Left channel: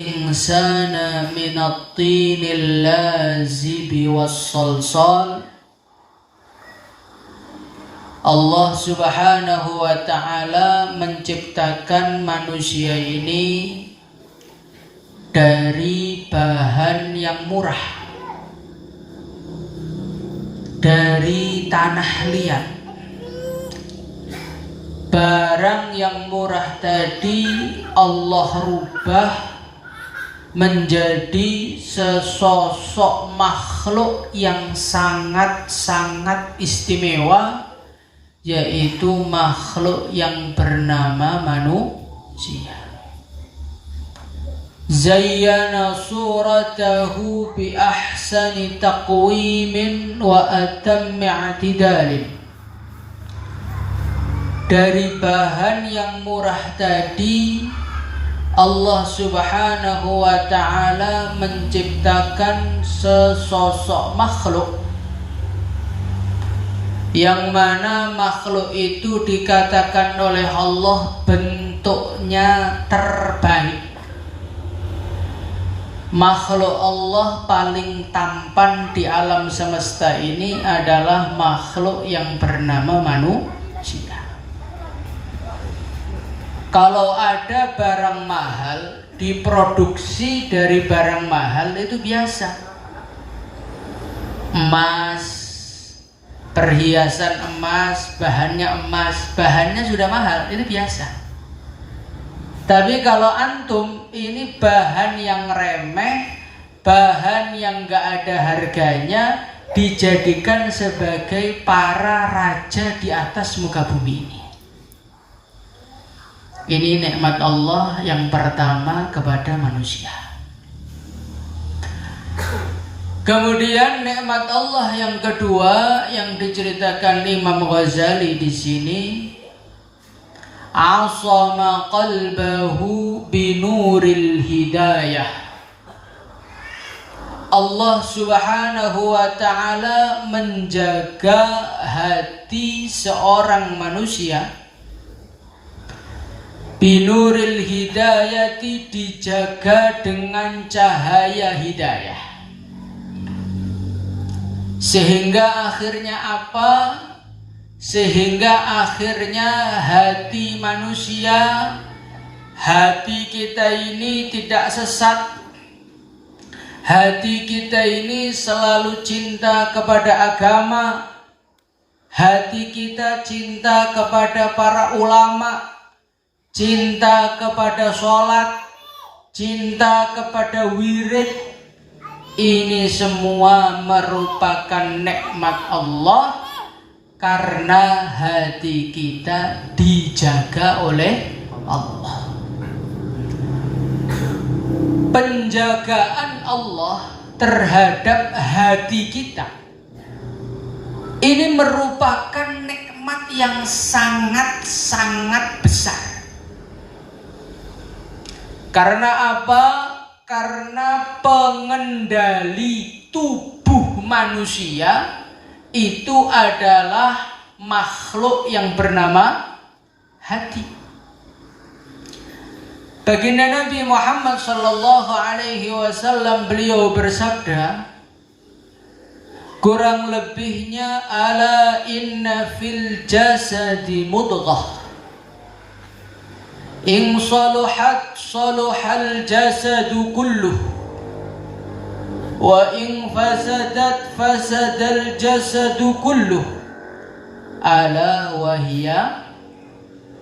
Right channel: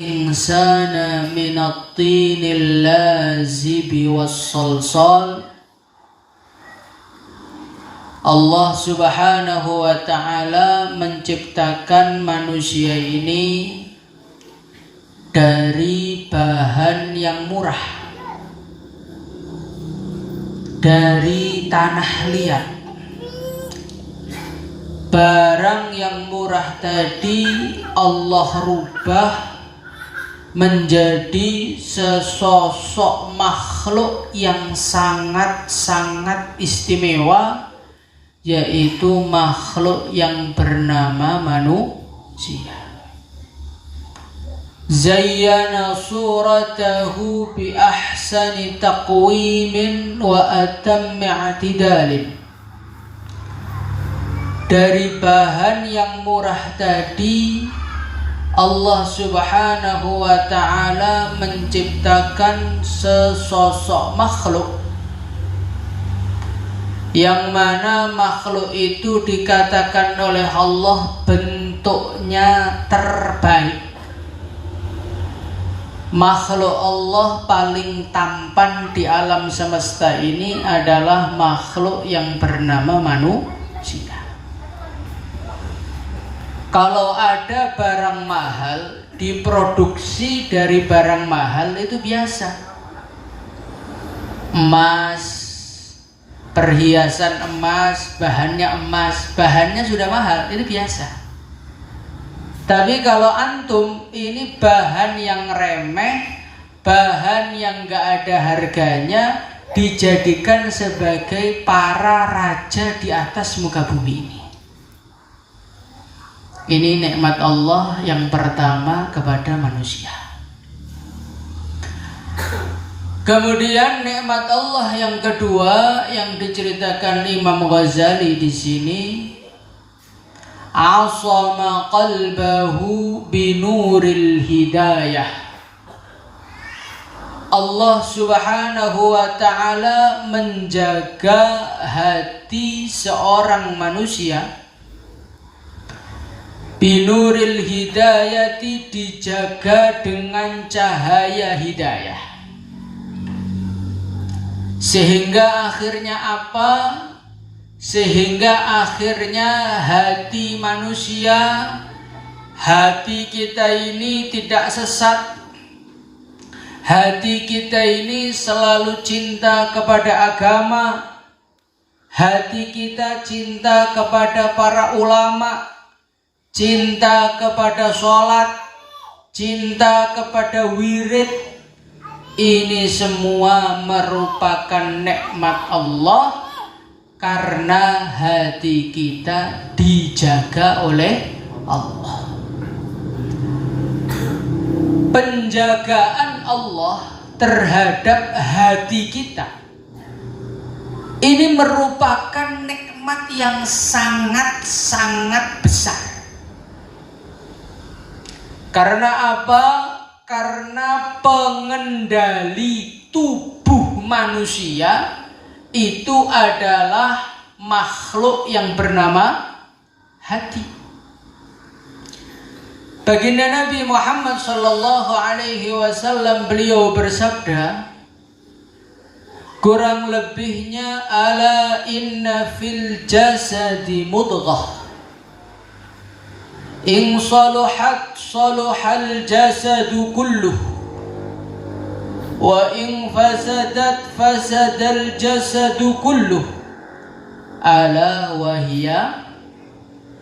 insana minat tinil lazibi wassalsal. Allah subhanahu wa ta'ala menciptakan manusia ini dari bahan yang murah, dari tanah liat. Barang yang murah tadi Allah rubah menjadi sesosok makhluk yang sangat-sangat istimewa, yaitu makhluk yang bernama manusia. Zayyana suratahu bi ahsani taqwimin wa atammi i'tidalin. Dari bahan yang murah tadi Allah subhanahu wa ta'ala menciptakan sesosok makhluk, yang mana makhluk itu dikatakan oleh Allah bentuknya terbaik. Makhluk Allah paling tampan di alam semesta ini adalah makhluk yang bernama manusia. Kalau ada barang mahal diproduksi dari barang mahal itu biasa. Emas, perhiasan emas, bahannya sudah mahal, itu biasa. Tapi kalau antum ini bahan yang remeh, bahan yang gak ada harganya, dijadikan sebagai para raja di atas muka bumi ini. Ini nikmat Allah yang pertama kepada manusia. Kemudian nikmat Allah yang kedua yang diceritakan Imam Ghazali di sini, asama qalbahu binuril hidayah. Allah subhanahu wa ta'ala menjaga hati seorang manusia binuril hidayati, dijaga dengan cahaya hidayah. Sehingga akhirnya apa? Sehingga akhirnya hati manusia, hati kita ini tidak sesat. Hati kita ini selalu cinta kepada agama. Hati kita cinta kepada para ulama, cinta kepada sholat, cinta kepada wirid. Ini semua merupakan nikmat Allah karena hati kita dijaga oleh Allah. Penjagaan Allah terhadap hati kita ini merupakan nikmat yang sangat-sangat besar. Karena apa? Karena pengendali tubuh manusia itu adalah makhluk yang bernama hati. Baginda Nabi Muhammad sallallahu alaihi wasallam beliau bersabda, kurang lebihnya, ala inna fil jasadi mudghah, in saluhat saluhal jasadu kulluh, wa in fasadat fasadal jasadu kulluh, ala wahiya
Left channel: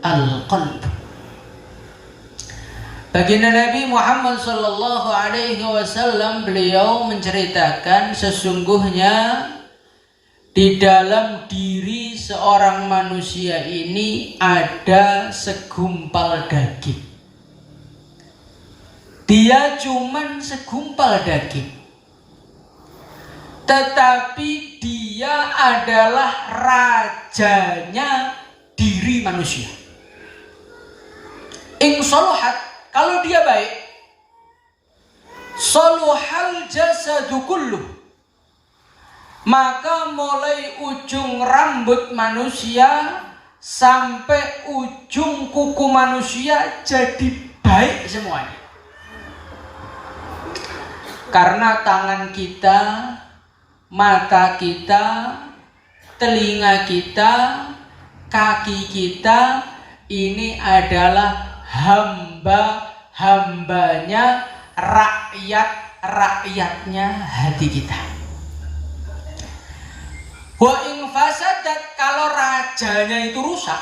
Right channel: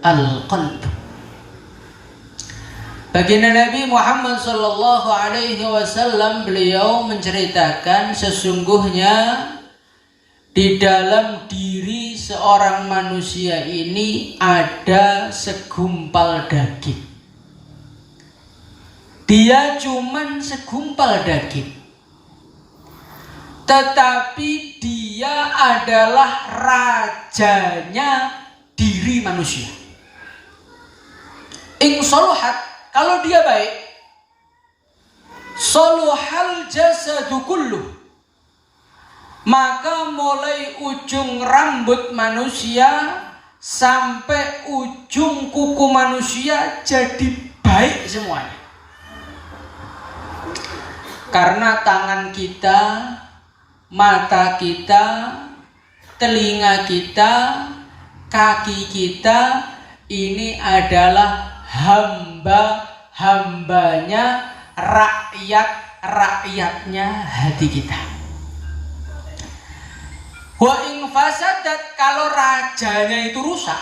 al-qalb. Baginda Nabi Muhammad sallallahu alaihi wasallam beliau menceritakan sesungguhnya di dalam diri seorang manusia ini ada segumpal daging. Dia cuman segumpal daging, tetapi dia adalah rajanya diri manusia. In saluhat, kalau dia baik, saluhal jasadu kulluh, maka mulai ujung rambut manusia sampai ujung kuku manusia jadi baik semuanya. Karena tangan kita, mata kita, telinga kita, kaki kita ini adalah hamba-hambanya, rakyat-rakyatnya hati kita. Wa in fasadat, kalau rajanya itu rusak,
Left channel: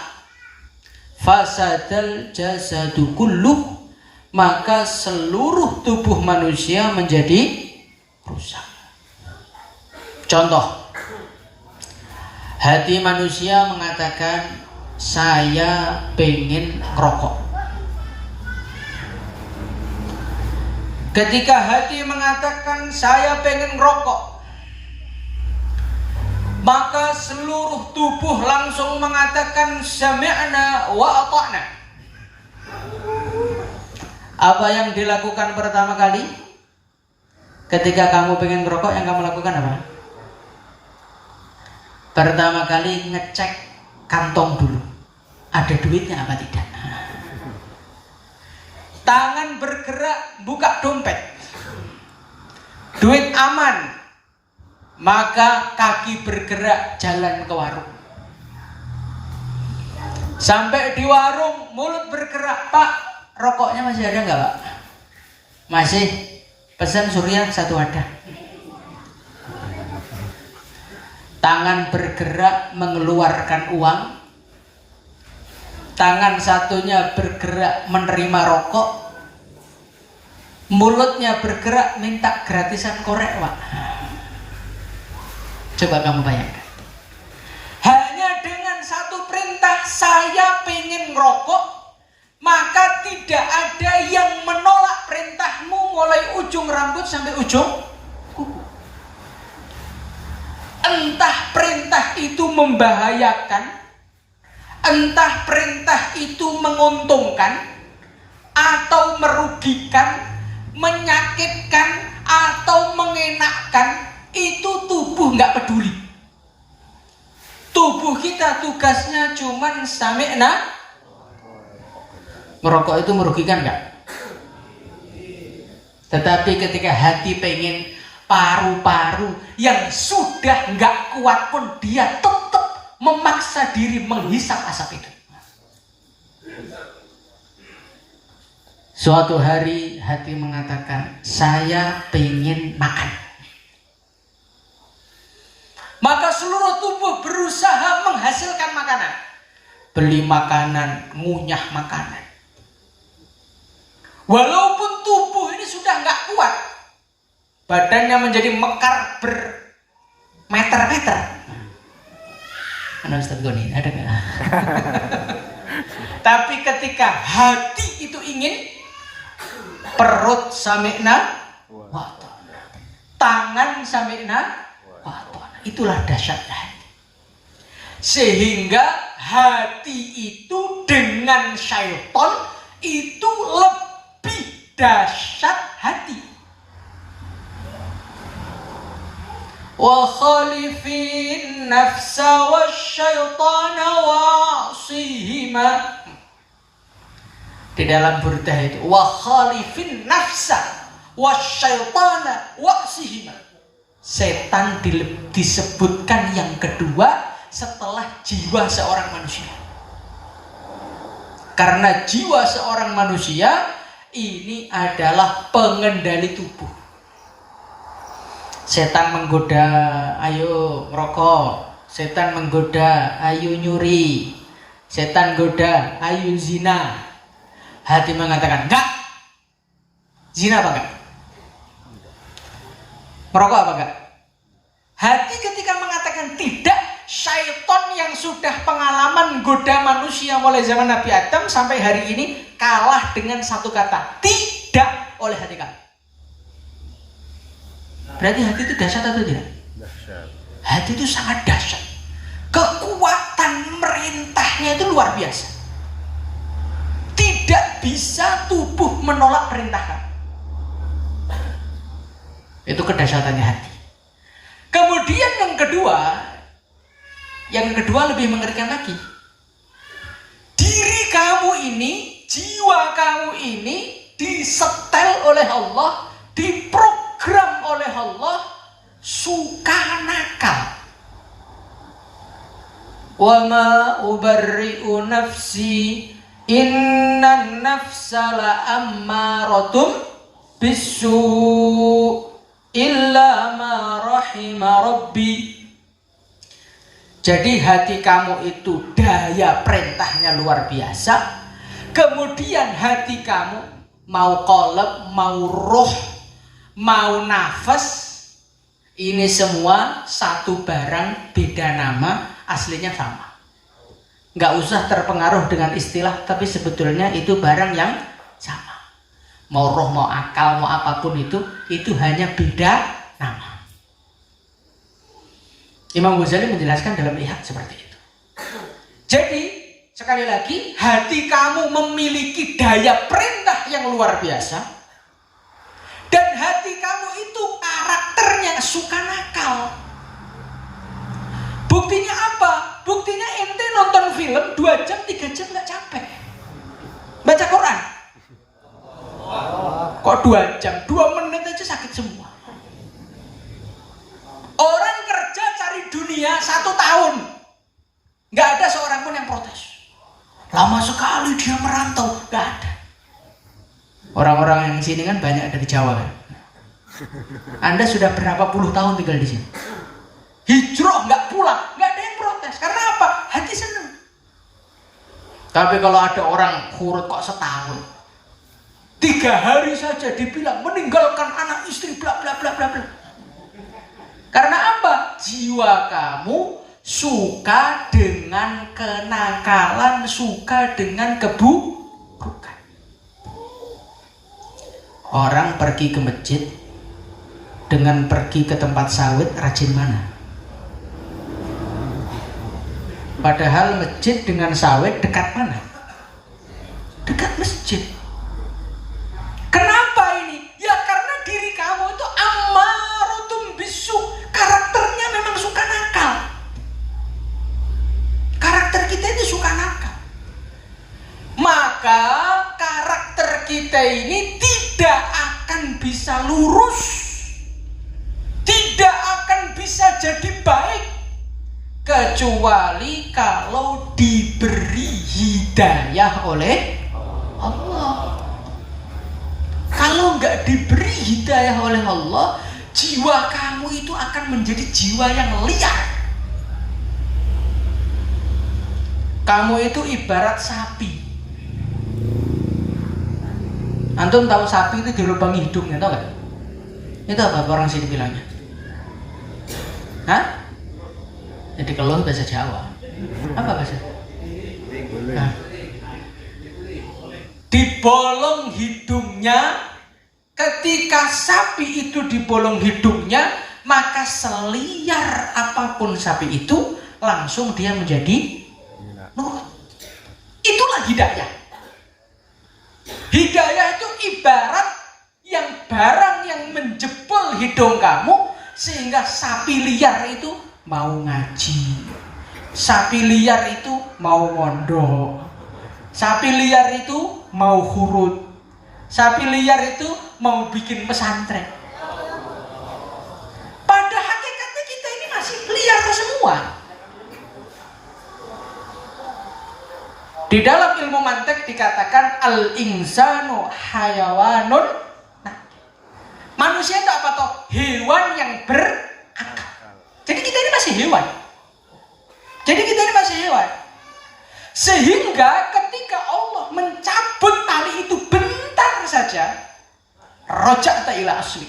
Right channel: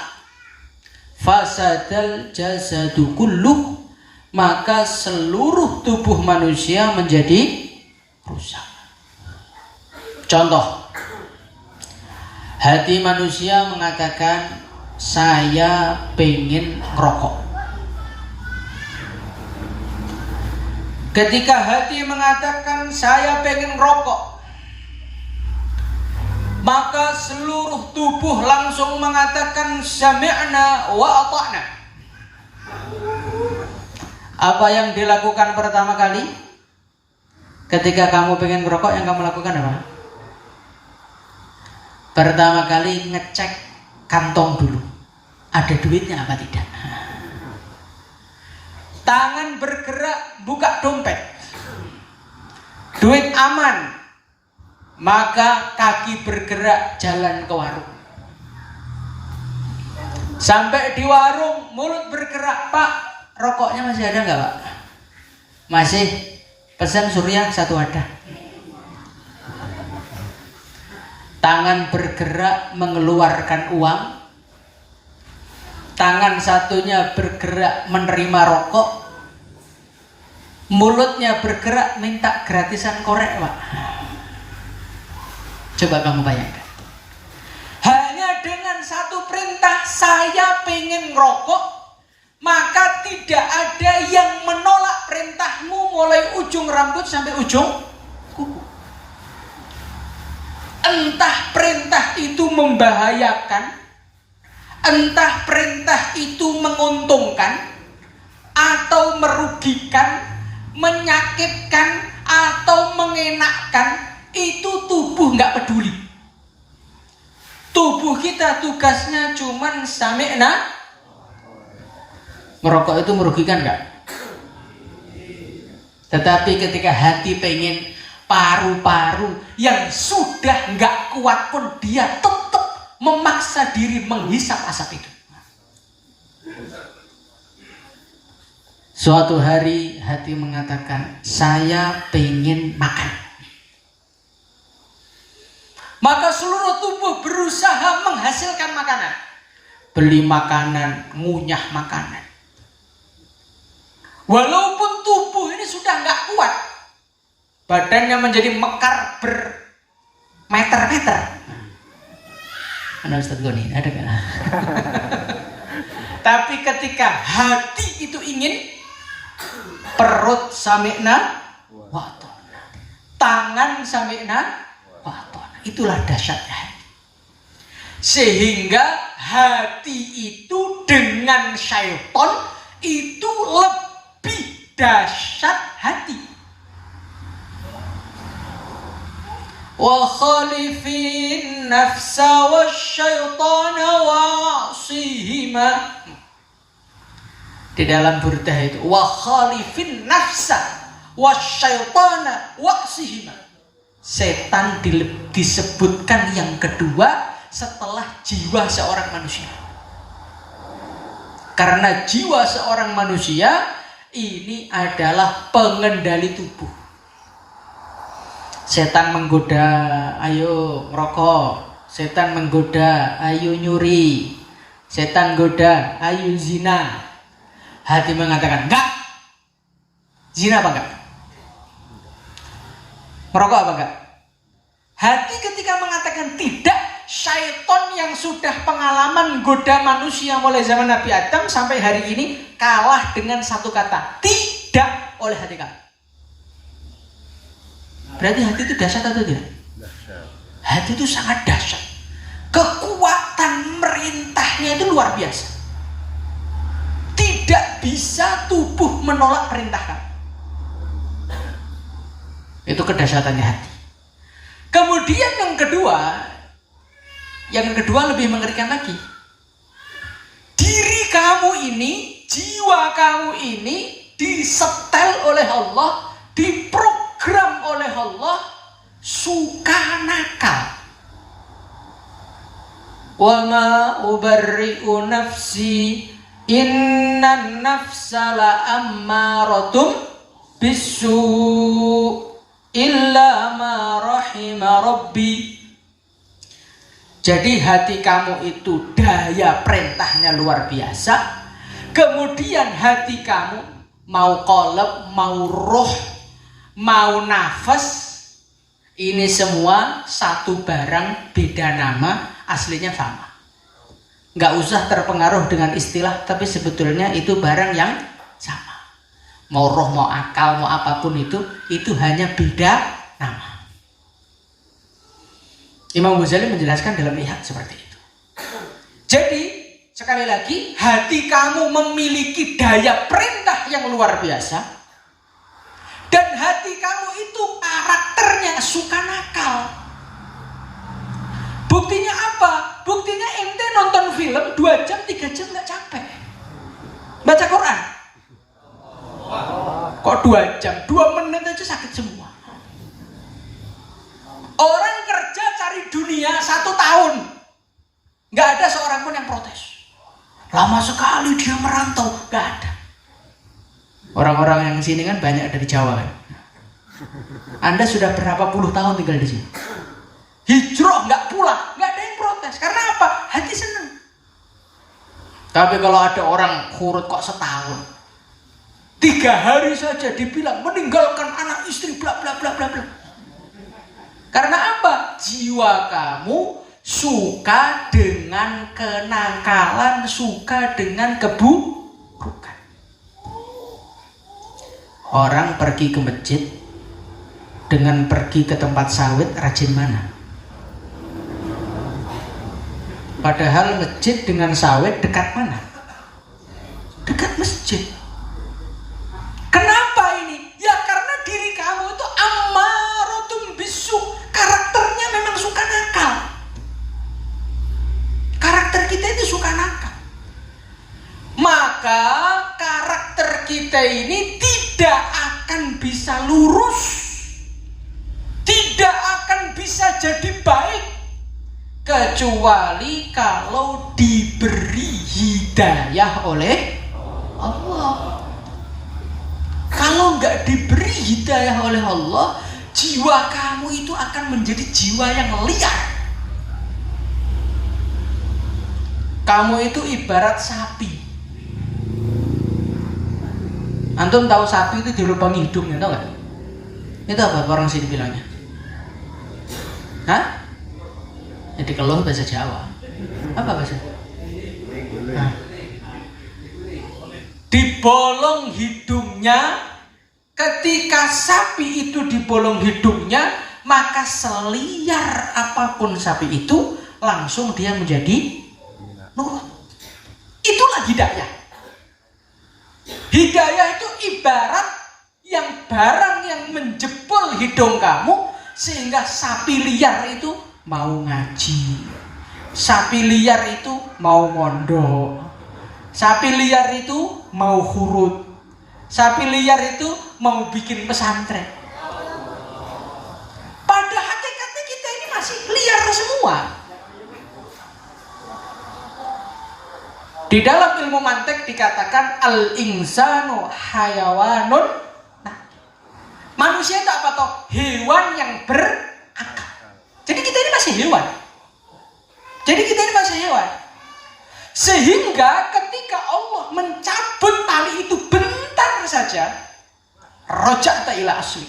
fasadal jasadu kulluh, maka seluruh tubuh manusia menjadi rusak. Contoh, hati manusia mengatakan saya pengen ngerokok. Ketika hati mengatakan saya pengen ngerokok, maka seluruh tubuh langsung mengatakan sami'na wa ata'na. Apa yang dilakukan pertama kali ketika kamu pengen ngerokok, yang kamu lakukan apa? Pertama kali ngecek kantong dulu, ada duitnya apa tidak. Tangan bergerak buka dompet, duit aman, maka kaki bergerak jalan ke warung. Sampai di warung mulut bergerak, Pak, rokoknya masih ada nggak, Pak? Masih. Pesan Surya 1 wadah. Tangan bergerak mengeluarkan uang, tangan satunya bergerak menerima rokok, mulutnya bergerak minta gratisan korek, Pak. Coba kamu bayangkan, hanya dengan satu perintah, saya pengen ngerokok, maka tidak ada yang menolak perintahmu mulai ujung rambut sampai ujung kuku. Entah perintah itu membahayakan, entah perintah itu menguntungkan atau merugikan, menyakitkan atau mengenakkan, itu tubuh nggak peduli. Tubuh kita tugasnya cuman sami'na. Ngerokok itu merugikan nggak? Tetapi ketika hati pengen, paru-paru yang sudah nggak kuat pun dia tetap memaksa diri menghisap asap itu. Suatu hari hati mengatakan, saya pengen makan. Maka seluruh tubuh berusaha menghasilkan makanan. Beli makanan, ngunyah makanan. Walaupun tubuh ini sudah nggak kuat, badannya menjadi mekar bermeter-meter. Mana Ustaz Goni? Ada nggak? Tapi ketika hati itu ingin, perut sami'na wa ata'na, tangan sami'na wa ata'na. Itulah dahsyatnya hati. Sehingga hati itu dengan syaitan itu lebih dahsyat hati. Wa khalifin nafsa wasyaitana wa'asihima. Di dalam burdah itu, wa khalifin nafsa wasyaitana wa'asihima. Setan disebutkan yang kedua setelah jiwa seorang manusia. Karena jiwa seorang manusia ini adalah pengendali tubuh. Setan menggoda, ayo rokok. Setan menggoda, ayo nyuri. Setan goda, ayo zina. Hati mengatakan, enggak. Zina apa enggak? Merokok apa enggak? Hati ketika mengatakan tidak, syaitan yang sudah pengalaman goda manusia mulai zaman Nabi Adam sampai hari ini kalah dengan satu kata, tidak, oleh hati kamu. Berarti hati itu dahsyat atau tidak? Dahsyat. Hati itu sangat dahsyat. Kekuatan merintahnya itu luar biasa. Tidak bisa tubuh menolak perintah kamu. Itu kedahsyatannya hati. Kemudian yang kedua lebih mengerikan lagi. Diri kamu ini, jiwa kamu ini disetel oleh Allah, diprogram oleh Allah suka nakal. Wa ma ubarri'u nafsi innan nafsa la'ammaratum bisu' illa ma rahima rabbi. Jadi hati kamu itu daya perintahnya luar biasa. Kemudian hati kamu mau qalb, mau roh, mau nafas, ini semua satu barang, beda nama, aslinya sama. Nggak usah terpengaruh dengan istilah, tapi sebetulnya itu barang yang sama. Mau roh, mau akal, mau apapun itu hanya beda nama. Imam Ghazali menjelaskan dalam Ihya seperti itu. Jadi sekali lagi, hati kamu memiliki daya perintah yang luar biasa, dan hati kamu itu karakternya suka nakal. Buktinya apa? Buktinya ente nonton film 2 jam, 3 jam gak capek. Baca Quran kok 2 jam, 2 menit aja sakit semua. Orang kerja cari dunia 1 tahun, gak ada seorang pun yang protes. Lama sekali dia merantau, gak ada. Orang-orang yang sini kan banyak dari Jawa kan. Anda sudah berapa puluh tahun tinggal di sini, hijrah nggak pulang, nggak ada yang protes. Karena apa? Hati seneng. Tapi kalau ada orang kurut kok setahun, 3 hari saja dibilang meninggalkan anak istri bla bla bla bla bla. Karena apa? Jiwa kamu suka dengan kenakalan, suka dengan keburukan. Orang pergi ke masjid dengan pergi ke tempat sawit, rajin mana? Padahal masjid dengan sawit dekat mana? Dekat masjid. Kenapa ini? Ya karena diri kamu itu ammaratun bisu', karakternya memang suka nakal. Karakter kita itu suka nakal. Maka karakter kita ini tidak akan bisa lurus, tidak akan bisa jadi baik, kecuali kalau diberi hidayah oleh Allah. Kalau nggak diberi hidayah oleh Allah, jiwa kamu itu akan menjadi jiwa yang liar. Kamu itu ibarat sapi. Antum tahu sapi itu dilubangi hidungnya, tahu nggak? Itu apa orang sini bilangnya? Hah? Jadi kalau bahasa Jawa. Apa bahasa? Nah. Dibolong hidungnya. Ketika sapi itu dibolong hidungnya, maka seliar apapun sapi itu, langsung dia menjadi nurut. Itulah hidayah. Hidayah itu ibarat yang barang yang menjebol hidung kamu, sehingga sapi liar itu mau ngaji, sapi liar itu mau mondok, sapi liar itu mau hurut, sapi liar itu mau bikin pesantren. Pada hakikatnya kita ini masih liar semua. Di dalam ilmu mantik dikatakan al-insanu hayawanun. Nah, manusia itu apa toh? Hewan yang berakal. Jadi kita ini masih hewan. Sehingga ketika Allah mencabut tali itu bentar saja, roja'ta ila asli,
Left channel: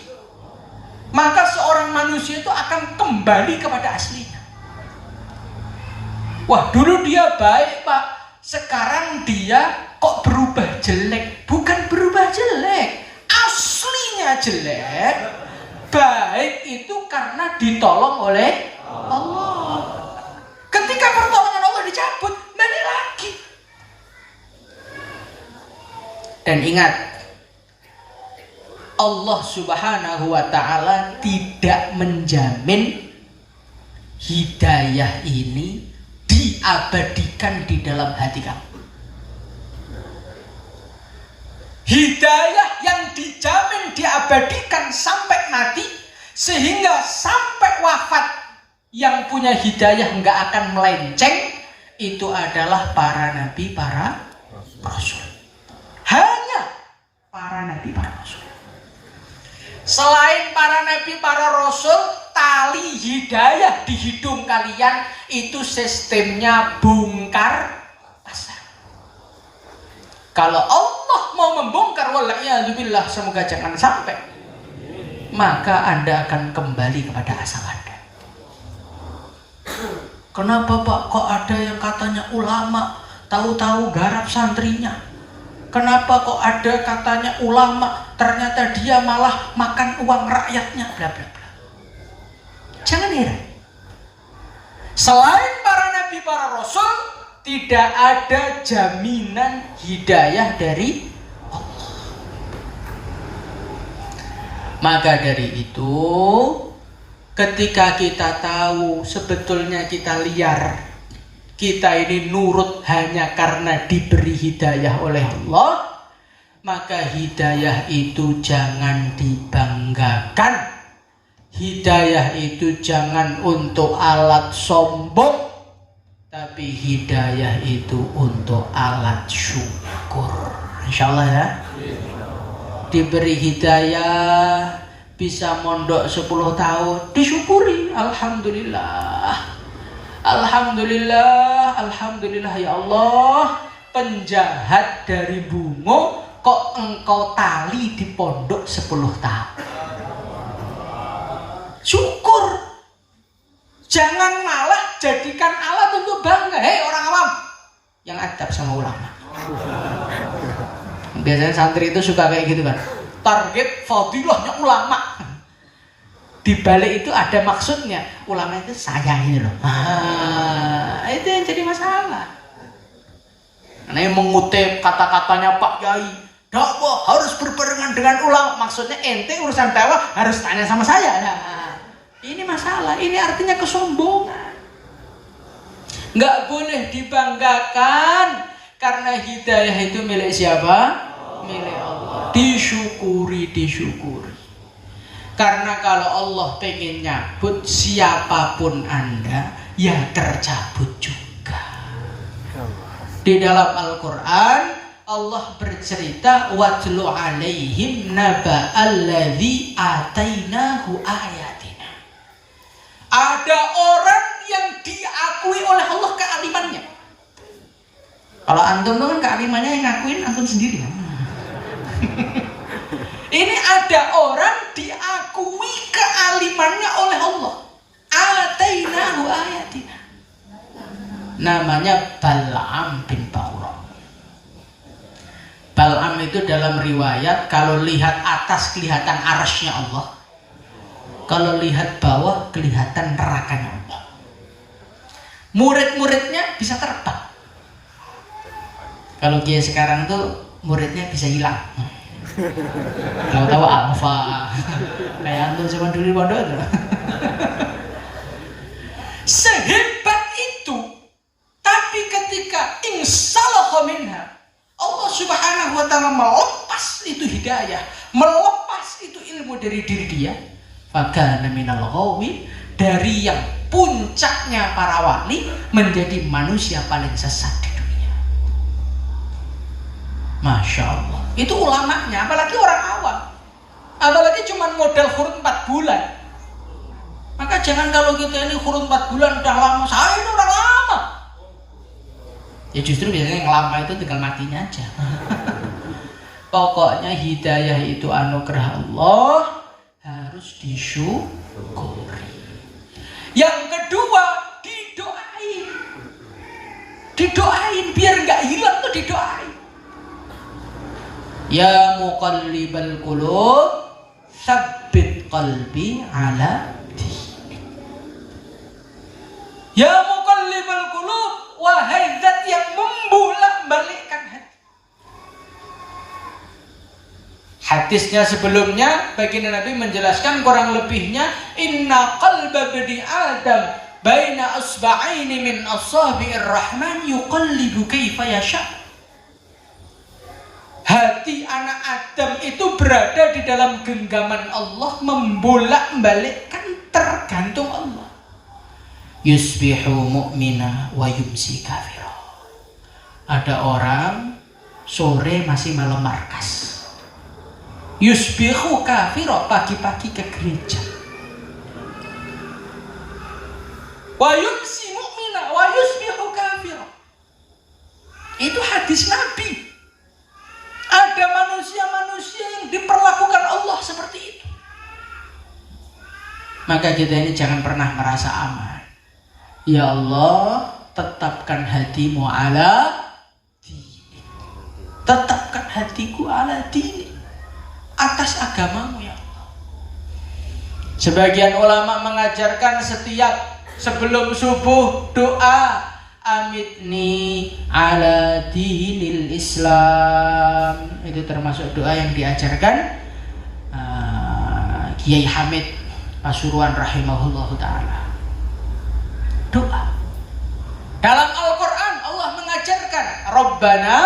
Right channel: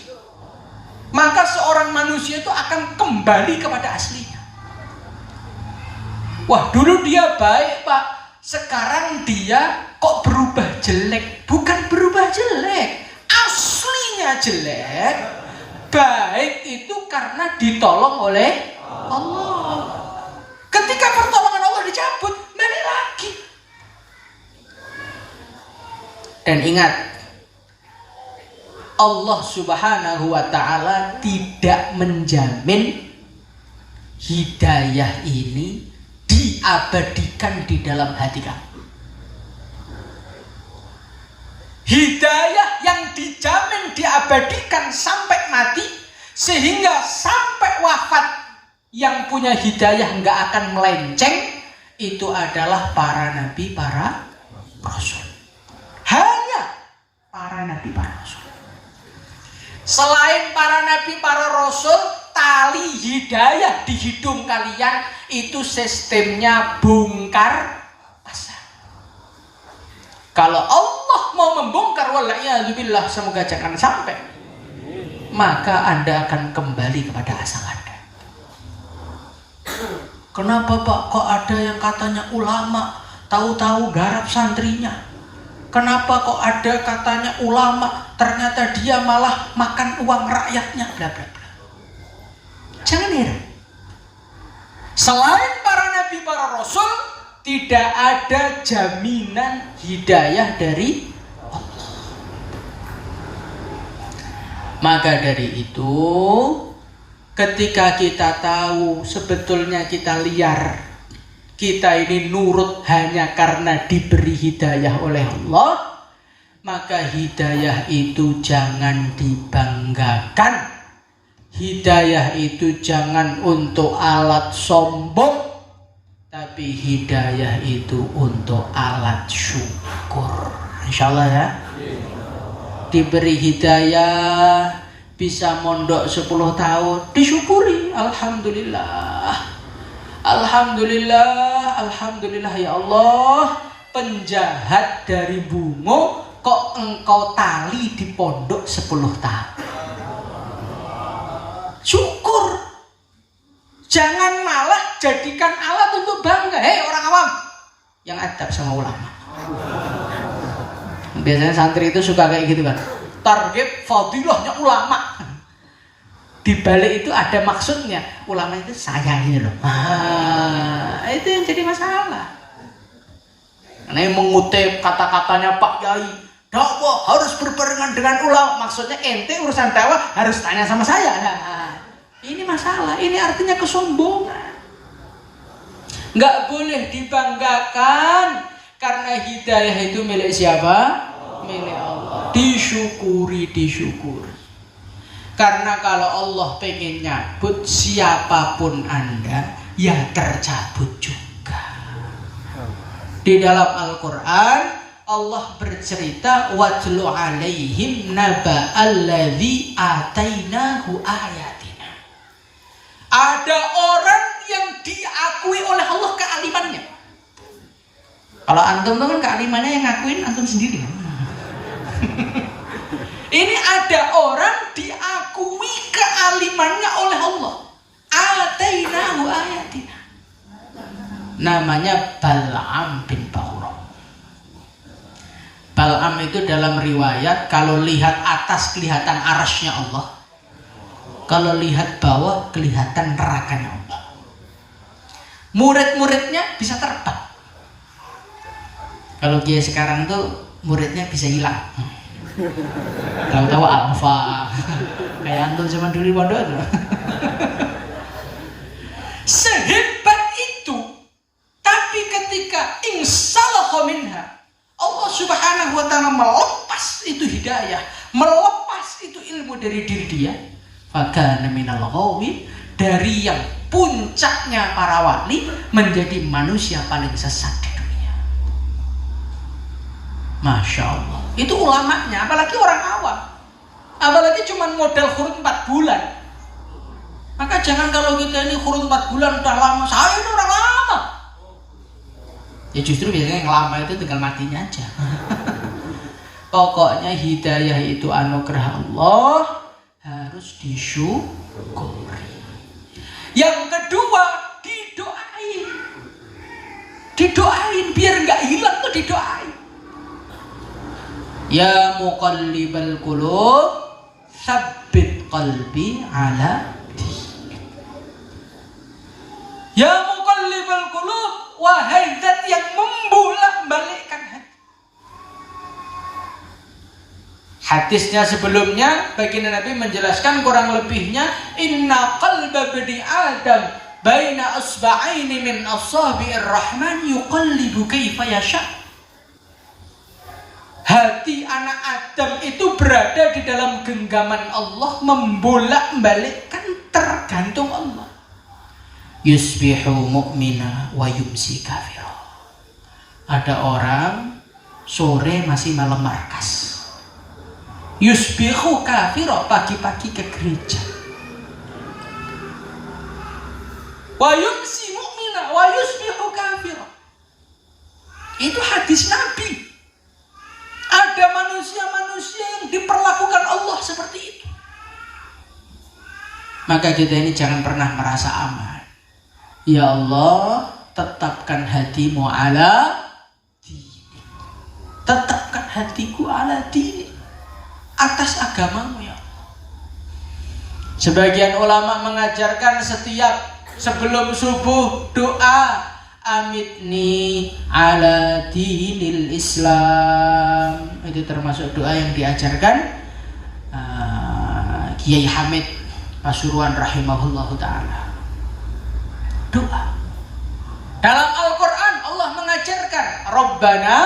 maka seorang manusia itu akan kembali kepada aslinya. Wah, dulu dia baik Pak, sekarang dia kok berubah jelek. Bukan berubah jelek, aslinya jelek. Baik itu karena ditolong oleh Allah. Ketika pertolongan Allah dicabut, balik lagi. Dan ingat, Allah Subhanahu wa ta'ala tidak menjamin hidayah ini diabadikan di dalam hati kamu. Hidayah yang dijamin diabadikan sampai mati Sehingga sampai wafat yang punya hidayah nggak akan melenceng, itu adalah para nabi, para rasul. Hanya para nabi, para rasul. Selain para nabi, para rasul, tali hidayah di hidung kalian itu sistemnya bongkar pasang. Kalau Allah mau membongkar, wala'iyadzubillah, semoga jangan sampai, maka Anda akan kembali kepada asal Anda. Kenapa Pak kok ada yang katanya ulama, tahu-tahu garap santrinya? Kenapa kok ada katanya ulama, ternyata dia malah makan uang rakyatnya, bla bla bla. Jangan heran. Selain para nabi, para rasul, tidak ada jaminan hidayah dari Allah. Maka dari itu, ketika kita tahu sebetulnya kita liar, kita ini nurut hanya karena diberi hidayah oleh Allah, maka hidayah itu jangan dibanggakan. Hidayah itu jangan untuk alat sombong, tapi hidayah itu untuk alat syukur. Insyaallah ya. Diberi hidayah, bisa mondok 10 tahun, disyukuri. Alhamdulillah. Alhamdulillah, alhamdulillah ya Allah. Penjahat dari Bungo kok engkau tali di pondok 10 tahun. Syukur. Jangan malah jadikan alat untuk bangga. Hei orang awam yang adab sama ulama. Biasanya santri itu suka kayak gitu kan. Target fadilahnya ulama. Di balik itu ada maksudnya. Ulama itu sayangi loh. Itu yang jadi masalah. Ini mengutip kata-katanya Pak Yai, dakwah harus berbarengan dengan ulama. Maksudnya ente urusan dakwah harus tanya sama saya. Ini masalah, ini artinya kesombongan. Nggak boleh dibanggakan, karena hidayah itu milik siapa? Milik Allah. Disyukuri, disyukuri. Karena kalau Allah pengen nyabut siapapun Anda, ya tercabut juga. Di dalam Al-Quran, Allah bercerita, watlu alaihim naba alladzi atainahu ayatina. Ada orang yang diakui oleh Allah kealimannya. Kalau antum itu kan kealimannya yang ngakuin antum sendiri. Ini ada orang diakui kealimannya oleh Allah. Atainahu ayatina. Namanya Bal'am bin Ba'urah. Bal'am itu dalam riwayat, kalau lihat atas kelihatan arasnya Allah, kalau lihat bawah kelihatan nerakanya Allah. Murid-muridnya bisa terbang. Kalau dia sekarang tuh muridnya bisa hilang. Tahu-tahu alfa. Kayak antum zaman dulu di pondok. Sehebat itu, tapi ketika insalahu minha, Allah Subhanahu wa taala melepas itu hidayah, melepas itu ilmu dari diri dia. Fakana minal ghawin, dari yang puncaknya para wali menjadi manusia paling sesat di dunia. Masya Allah. Itu ulamanya, apalagi orang awam. Apalagi cuma modal khurut 4 bulan. Maka jangan kalau kita ini khurut 4 bulan udah lama, saya ini orang lama. Ya justru biasanya yang lama itu tinggal matinya aja. Pokoknya hidayah itu anugerah Allah, harus disyukuri. Yang kedua, didoain. Didoain biar nggak hilang tuh, didoain. Ya muqallibal qulub, tsabbit qalbi ala dinik. Ya muqallibal qulub, wahai zat yang membolak-balikkan hati. Hadisnya sebelumnya baginda Nabi menjelaskan kurang lebihnya, inna qalba bani adam baina asba'aini min asabi'ir rahman yuqallibu kaifa yasha. Hati anak Adam itu berada di dalam genggaman Allah, membolak-balikkan, tergantung Allah. Yusbihu mu'mina wa yumsi kafira. Ada orang sore masih malam markas. Yusbihu kafira, pagi-pagi ke gereja. Wa yumsi mu'mina wa yusbihu kafira. Itu hadis Nabi. Ada manusia-manusia yang diperlakukan Allah seperti itu. Maka kita ini jangan pernah merasa aman. Ya Allah, tetapkan hatimu ala dini. Tetapkan hatiku ala dini, atas agamamu ya Allah. Sebagian ulama mengajarkan setiap sebelum subuh doa, amitni ala dinil Islam. Itu termasuk doa yang diajarkan Kiai Hamid Pasuruan rahimahullahu ta'ala. Doa dalam Al-Quran Allah mengajarkan, Rabbana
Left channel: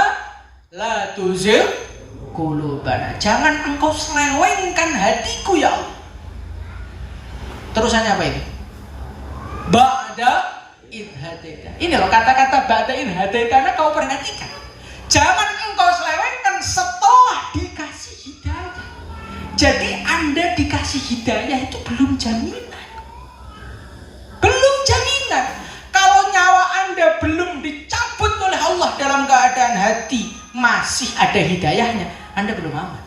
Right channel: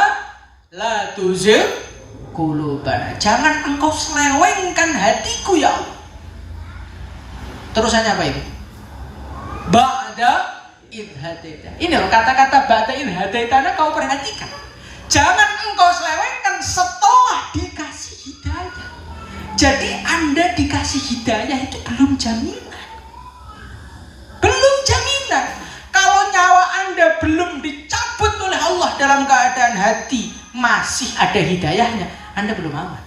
la tuzigh qulubana. Jangan engkau selewengkan hatiku ya Allah. Terusannya apa ini? Ba'da idhadaitana. Ini loh kata-kata ba'da idhadaitana, kau perhatikan. Jangan engkau selewengkan setelah dikasih hidayah. Jadi Anda dikasih hidayah itu belum jaminan. Belum jaminan. Kalau nyawa Anda belum dicabut oleh Allah dalam keadaan hati masih ada hidayahnya, Anda belum aman.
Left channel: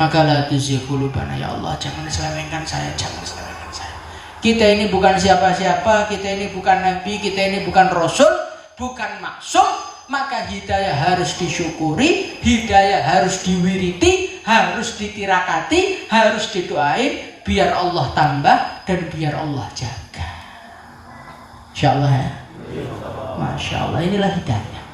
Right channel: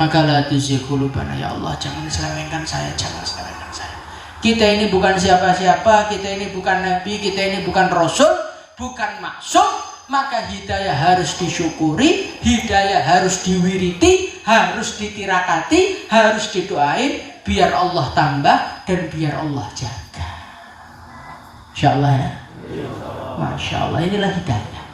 Maka la tuzigh qulubana, ya Allah, jangan selewengkan saya, jangan selewengkan saya. Kita ini bukan siapa-siapa, kita ini bukan nabi, kita ini bukan rasul, bukan maksum. Maka hidayah harus disyukuri, hidayah harus diwiriti, harus ditirakati, harus didoain, biar Allah tambah dan biar Allah jaga. Insya Allah ya. Masya Allah, inilah hidayah.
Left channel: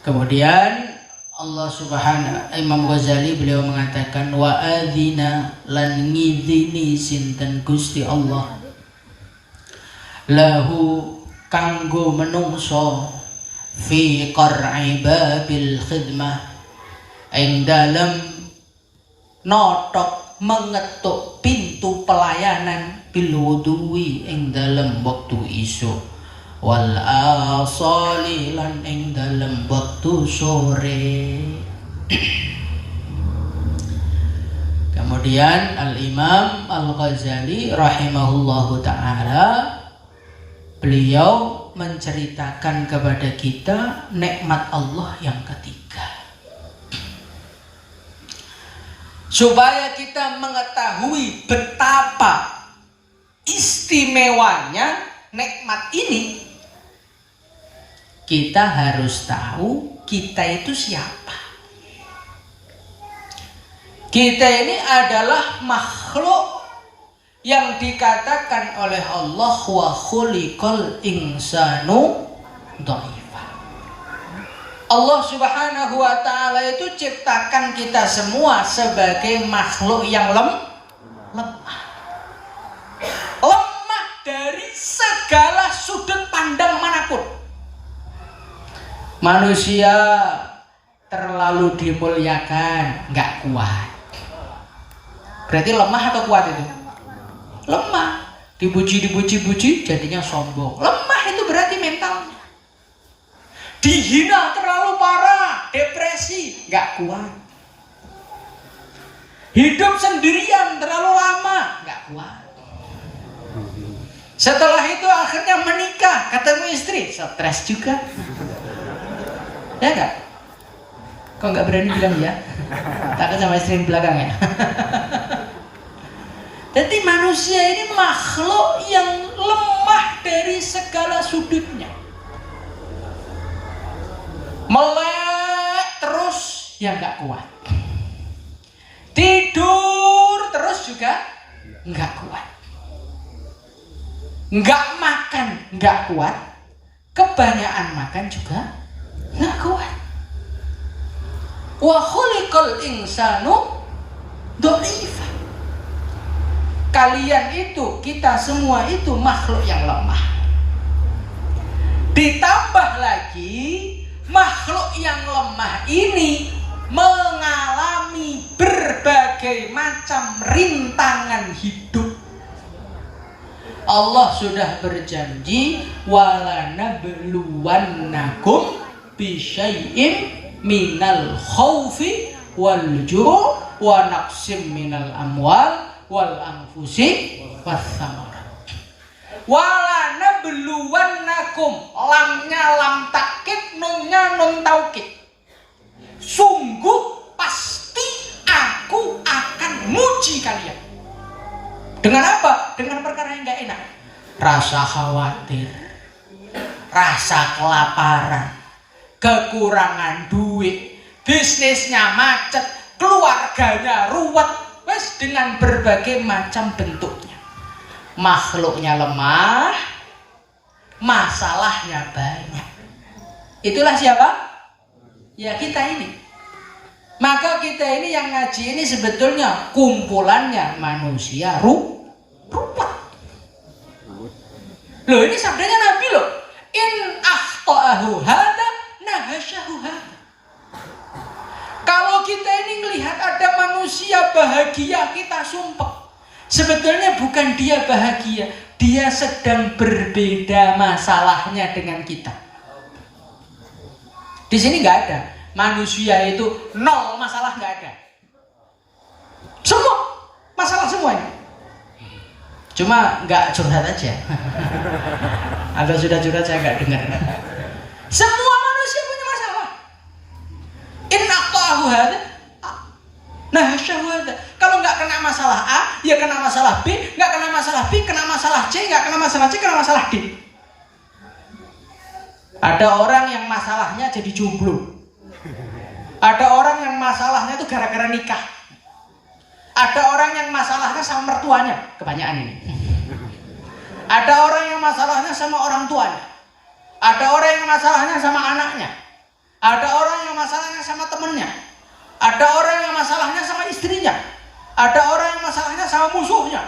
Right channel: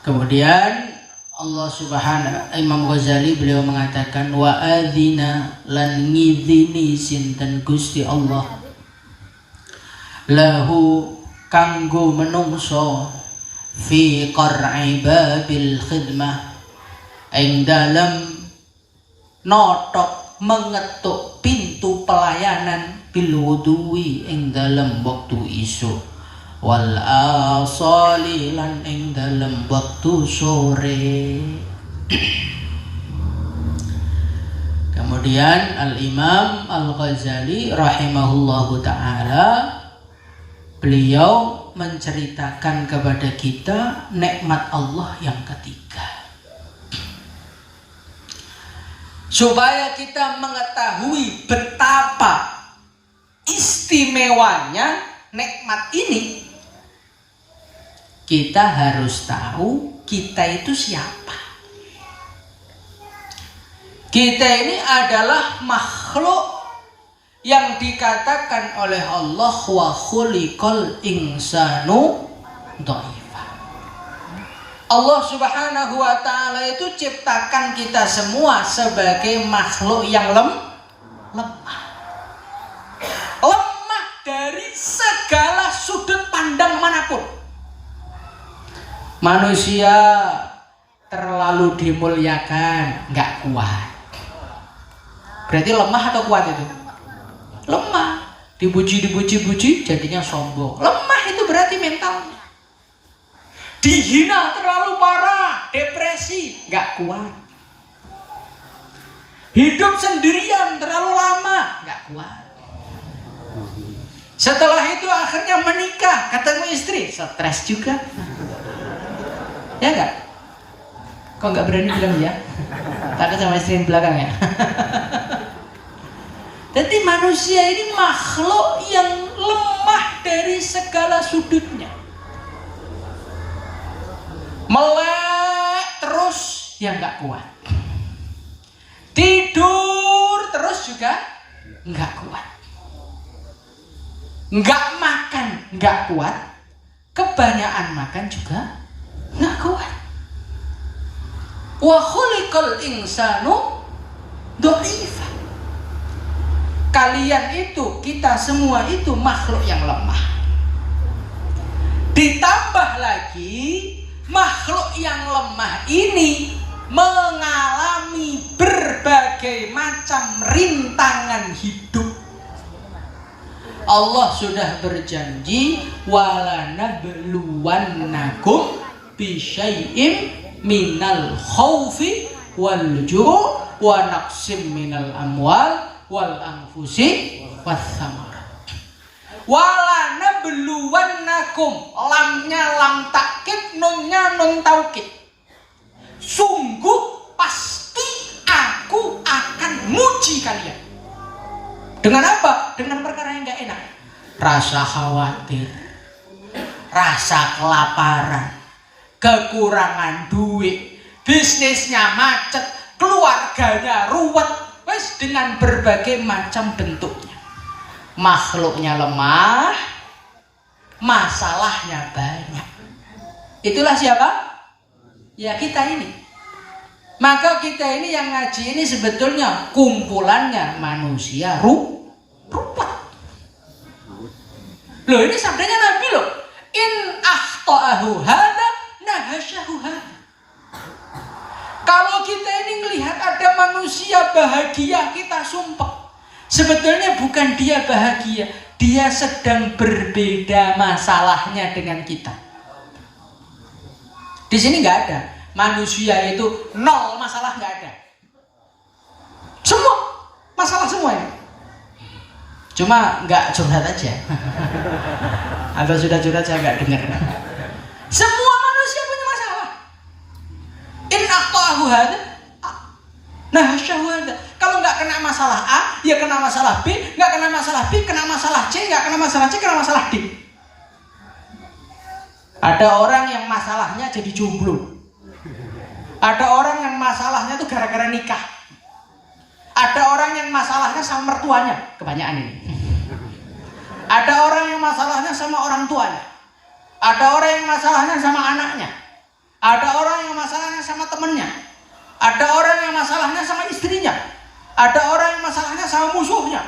Kemudian Allah subhanahu, Imam Ghazali beliau mengatakan, wa adzina lan ngidhini sinten Gusti Allah lahu kanggo menungso fi qar'i babil khidmah, ing dalem notok mengetuk pintu pelayanan, bil wuduwi ing dalem waktu isuk, wal asali lan ing dalem waktu sore. Kemudian Al-Imam Al-Ghazali rahimahullahu ta'ala, beliau menceritakan kepada kita nikmat Allah yang ketiga, supaya kita mengetahui betapa istimewanya nikmat ini. Kita harus tahu kita itu siapa. Kita ini adalah makhluk yang dikatakan oleh Allah wa khuliqal insanu dha'ifa. Allah subhanahu wa ta'ala itu ciptakan kita semua sebagai makhluk yang lemah. Lemah dari segala sudut pandang manapun. Manusia terlalu dimuliakan, gak kuat. Berarti lemah atau kuat itu? Lemah. Dipuji jadinya sombong. Lemah itu berarti mentalnya. Dihina terlalu parah, depresi, gak kuat. Hidup sendirian terlalu lama, gak kuat. Setelah itu akhirnya menikah, ketemu istri, stres juga. Ya gak? Kok gak berani bilang ya? Takut sama istri yang belakang ya? Jadi manusia ini makhluk yang lemah dari segala sudutnya. Melek terus ya nggak kuat. Tidur terus juga nggak kuat. Nggak makan nggak kuat. Kebanyakan makan juga nggak kuat. Wa khuliqal insanu dha'ifa. Kalian itu, kita semua itu makhluk yang lemah. Ditambah lagi makhluk yang lemah ini mengalami berbagai macam rintangan hidup. Allah sudah berjanji walanabluwannakum bisyai'in minal khaufi wal ju' wa naqsim minal amwal wal anfusi was samarat. Walanabluwannakum, lamnya lam takkid, nunnya nun taukid. Sungguh pasti aku akan nguji kalian. Dengan apa? Dengan perkara yang gak enak. Rasa khawatir, rasa kelaparan, kekurangan duit, bisnisnya macet, keluarganya ruwet, wes dengan berbagai macam bentuknya. Makhluknya lemah, masalahnya banyak. Itulah siapa? Ya kita ini. Maka kita ini yang ngaji ini sebetulnya kumpulannya manusia ruwet. Loh, ini sabdanya Nabi loh. In akhta'ahu hada nahasyahu hada. Kalau kita ini melihat ada manusia bahagia, kita sumpah. Sebetulnya bukan dia bahagia, dia sedang berbeda masalahnya dengan kita. Di sini nggak ada manusia itu nol masalah, nggak ada. Semua masalah semua ini. Cuma nggak curhat aja. Atau sudah curhat saya nggak dengar. Semua manusia punya masalah. In aqta'ahu hadza nahasyahu hadza. Kalau nggak kena masalah A, ya kena masalah B. Nggak kena masalah B, kena masalah C. Nggak kena masalah C, kena masalah D. Ada orang yang masalahnya jadi jomblo. Ada orang yang masalahnya itu gara-gara nikah. Ada orang yang masalahnya sama mertuanya, kebanyakan ini. Ada orang yang masalahnya sama orang tuanya. Ada orang yang masalahnya sama anaknya. Ada orang yang masalahnya sama temennya. Ada orang yang masalahnya sama istrinya. Ada orang yang masalahnya sama musuhnya.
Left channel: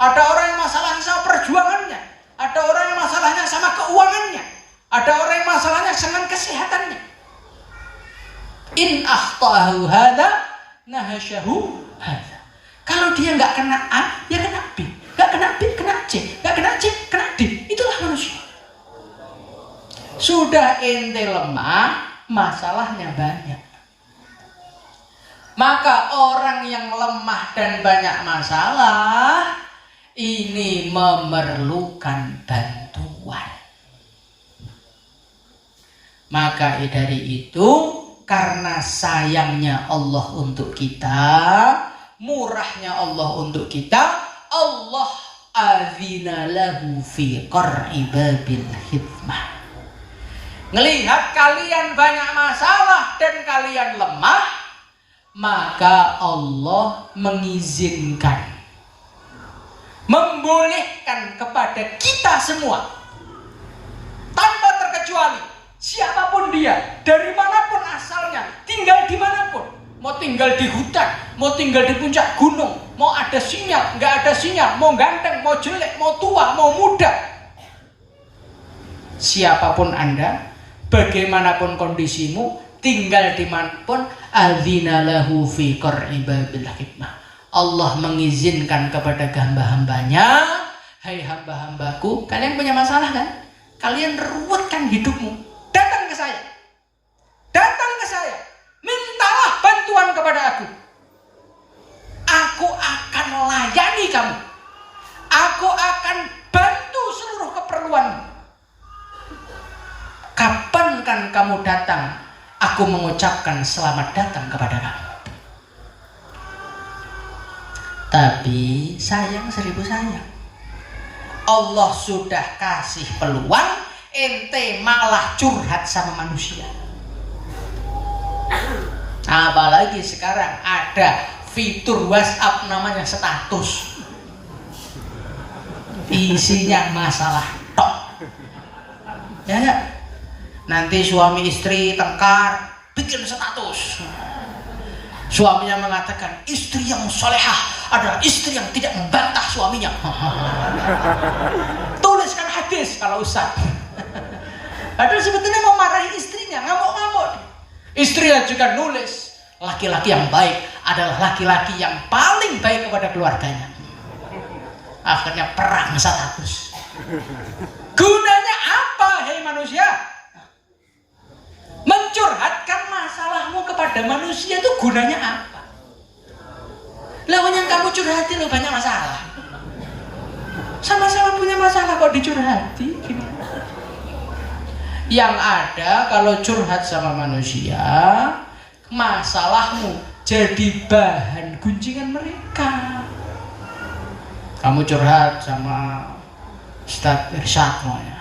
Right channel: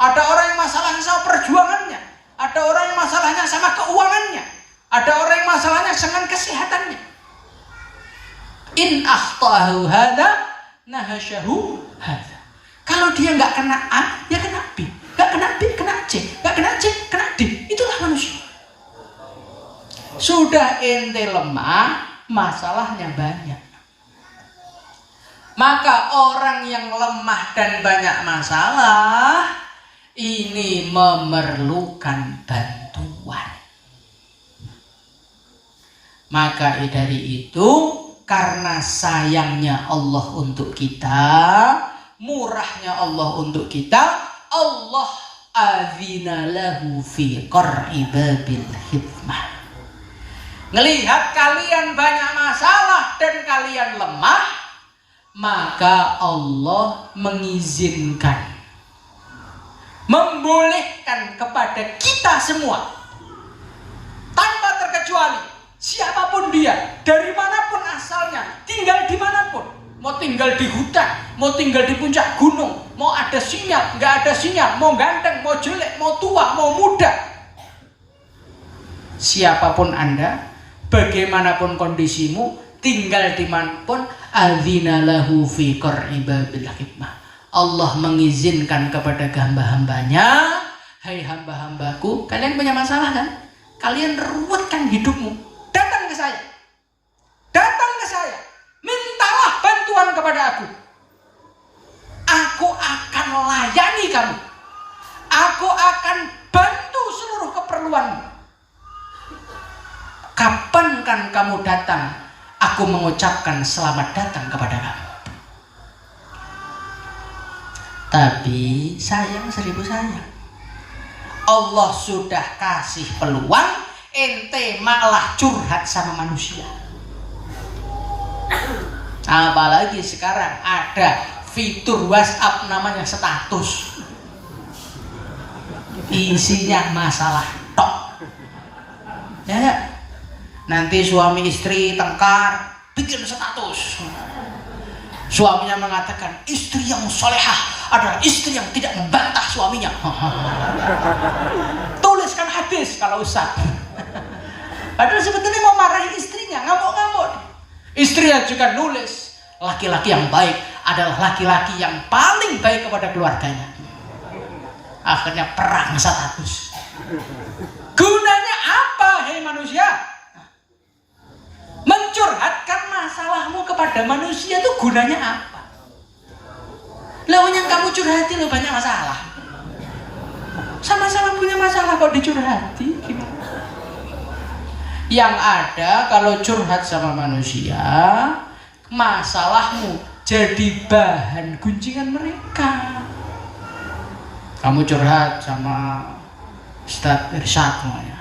Ada orang yang masalahnya sama perjuangannya. Ada orang yang masalahnya sama keuangannya. Ada orang yang masalahnya dengan kesehatannya. In akhta'ahu hada nahasyahu hada. Kalau dia nggak kena A, ya kena B. Nggak kena B, kena C. Nggak kena C, kena D. Itulah manusia. Sudah ente lemah, masalahnya banyak. Maka orang yang lemah dan banyak masalah ini memerlukan bantuan. Maka dari itu, karena sayangnya Allah untuk kita, murahnya Allah untuk kita, Allah azina lahu fi qar'i babil hikmah. Ngelihat kalian banyak masalah dan kalian lemah, maka Allah mengizinkan, membolehkan kepada kita semua tanpa terkecuali, siapapun dia, dari manapun asalnya, tinggal di manapun, mau tinggal di hutan, mau tinggal di puncak gunung, mau ada sinyal, nggak ada sinyal, mau ganteng, mau jelek, mau tua, mau muda, siapapun Anda, bagaimanapun kondisimu, tinggal di manapun, adzina lahu fi qar'i babil hikmah. Allah mengizinkan kepada hamba-hambanya, hai hamba-hambaku, kalian punya masalah kan? Kalian ruwetkan hidupmu. Datang ke saya. Datang ke saya. Mintalah bantuan kepada aku. Aku akan layani kamu. Aku akan bantu seluruh keperluanmu. Kapan kan kamu datang, aku mengucapkan selamat datang kepada kamu. Tapi sayang seribu sayang, Allah sudah kasih peluang, ente malah curhat sama manusia. Apalagi sekarang ada fitur WhatsApp namanya status, isinya masalah tok. Ya, nanti suami istri tengkar, bikin status. Suaminya mengatakan istri yang solehah adalah istri yang tidak membantah suaminya. Tuliskan hadis kalau Ustaz. Padahal sebetulnya mau marahin istrinya, ngamuk-ngamuk. Istrinya juga nulis, laki-laki yang baik adalah laki-laki yang paling baik kepada keluarganya. Akhirnya perang status. Gunanya apa, hei manusia? Mencurhatkan masalahmu kepada manusia itu gunanya apa? Lawan yang kamu curhati lo banyak masalah. Sama-sama punya masalah kok dicurhati, gimana? Yang ada kalau curhat sama manusia, masalahmu jadi bahan gunjingan mereka. Kamu curhat sama Ustadz Irsyad semuanya.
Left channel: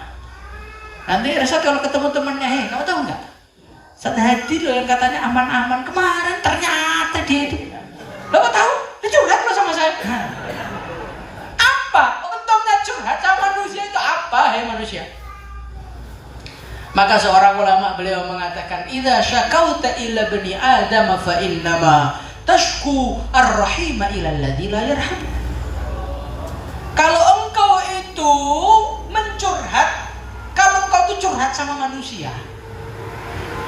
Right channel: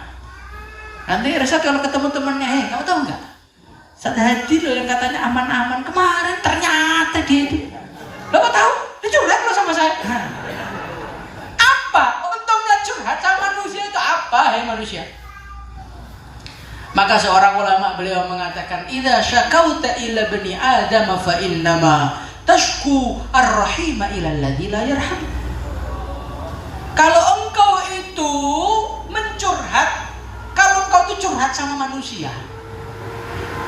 Nanti Irsyad kalau ketemu temannya, kamu tahu nggak? Ustadz Hadi loh yang katanya aman-aman kemarin, ternyata dia itu. Lo tahu? Dia curhat lo sama saya. Apa? Untungnya curhat sama manusia itu apa, hei manusia? Maka seorang ulama beliau mengatakan, "Idza syakauta ila bani Adam fa innama tashku ar-rahima ila alladzi la yarham." Kalau engkau itu mencurhat, kalau engkau itu curhat sama manusia,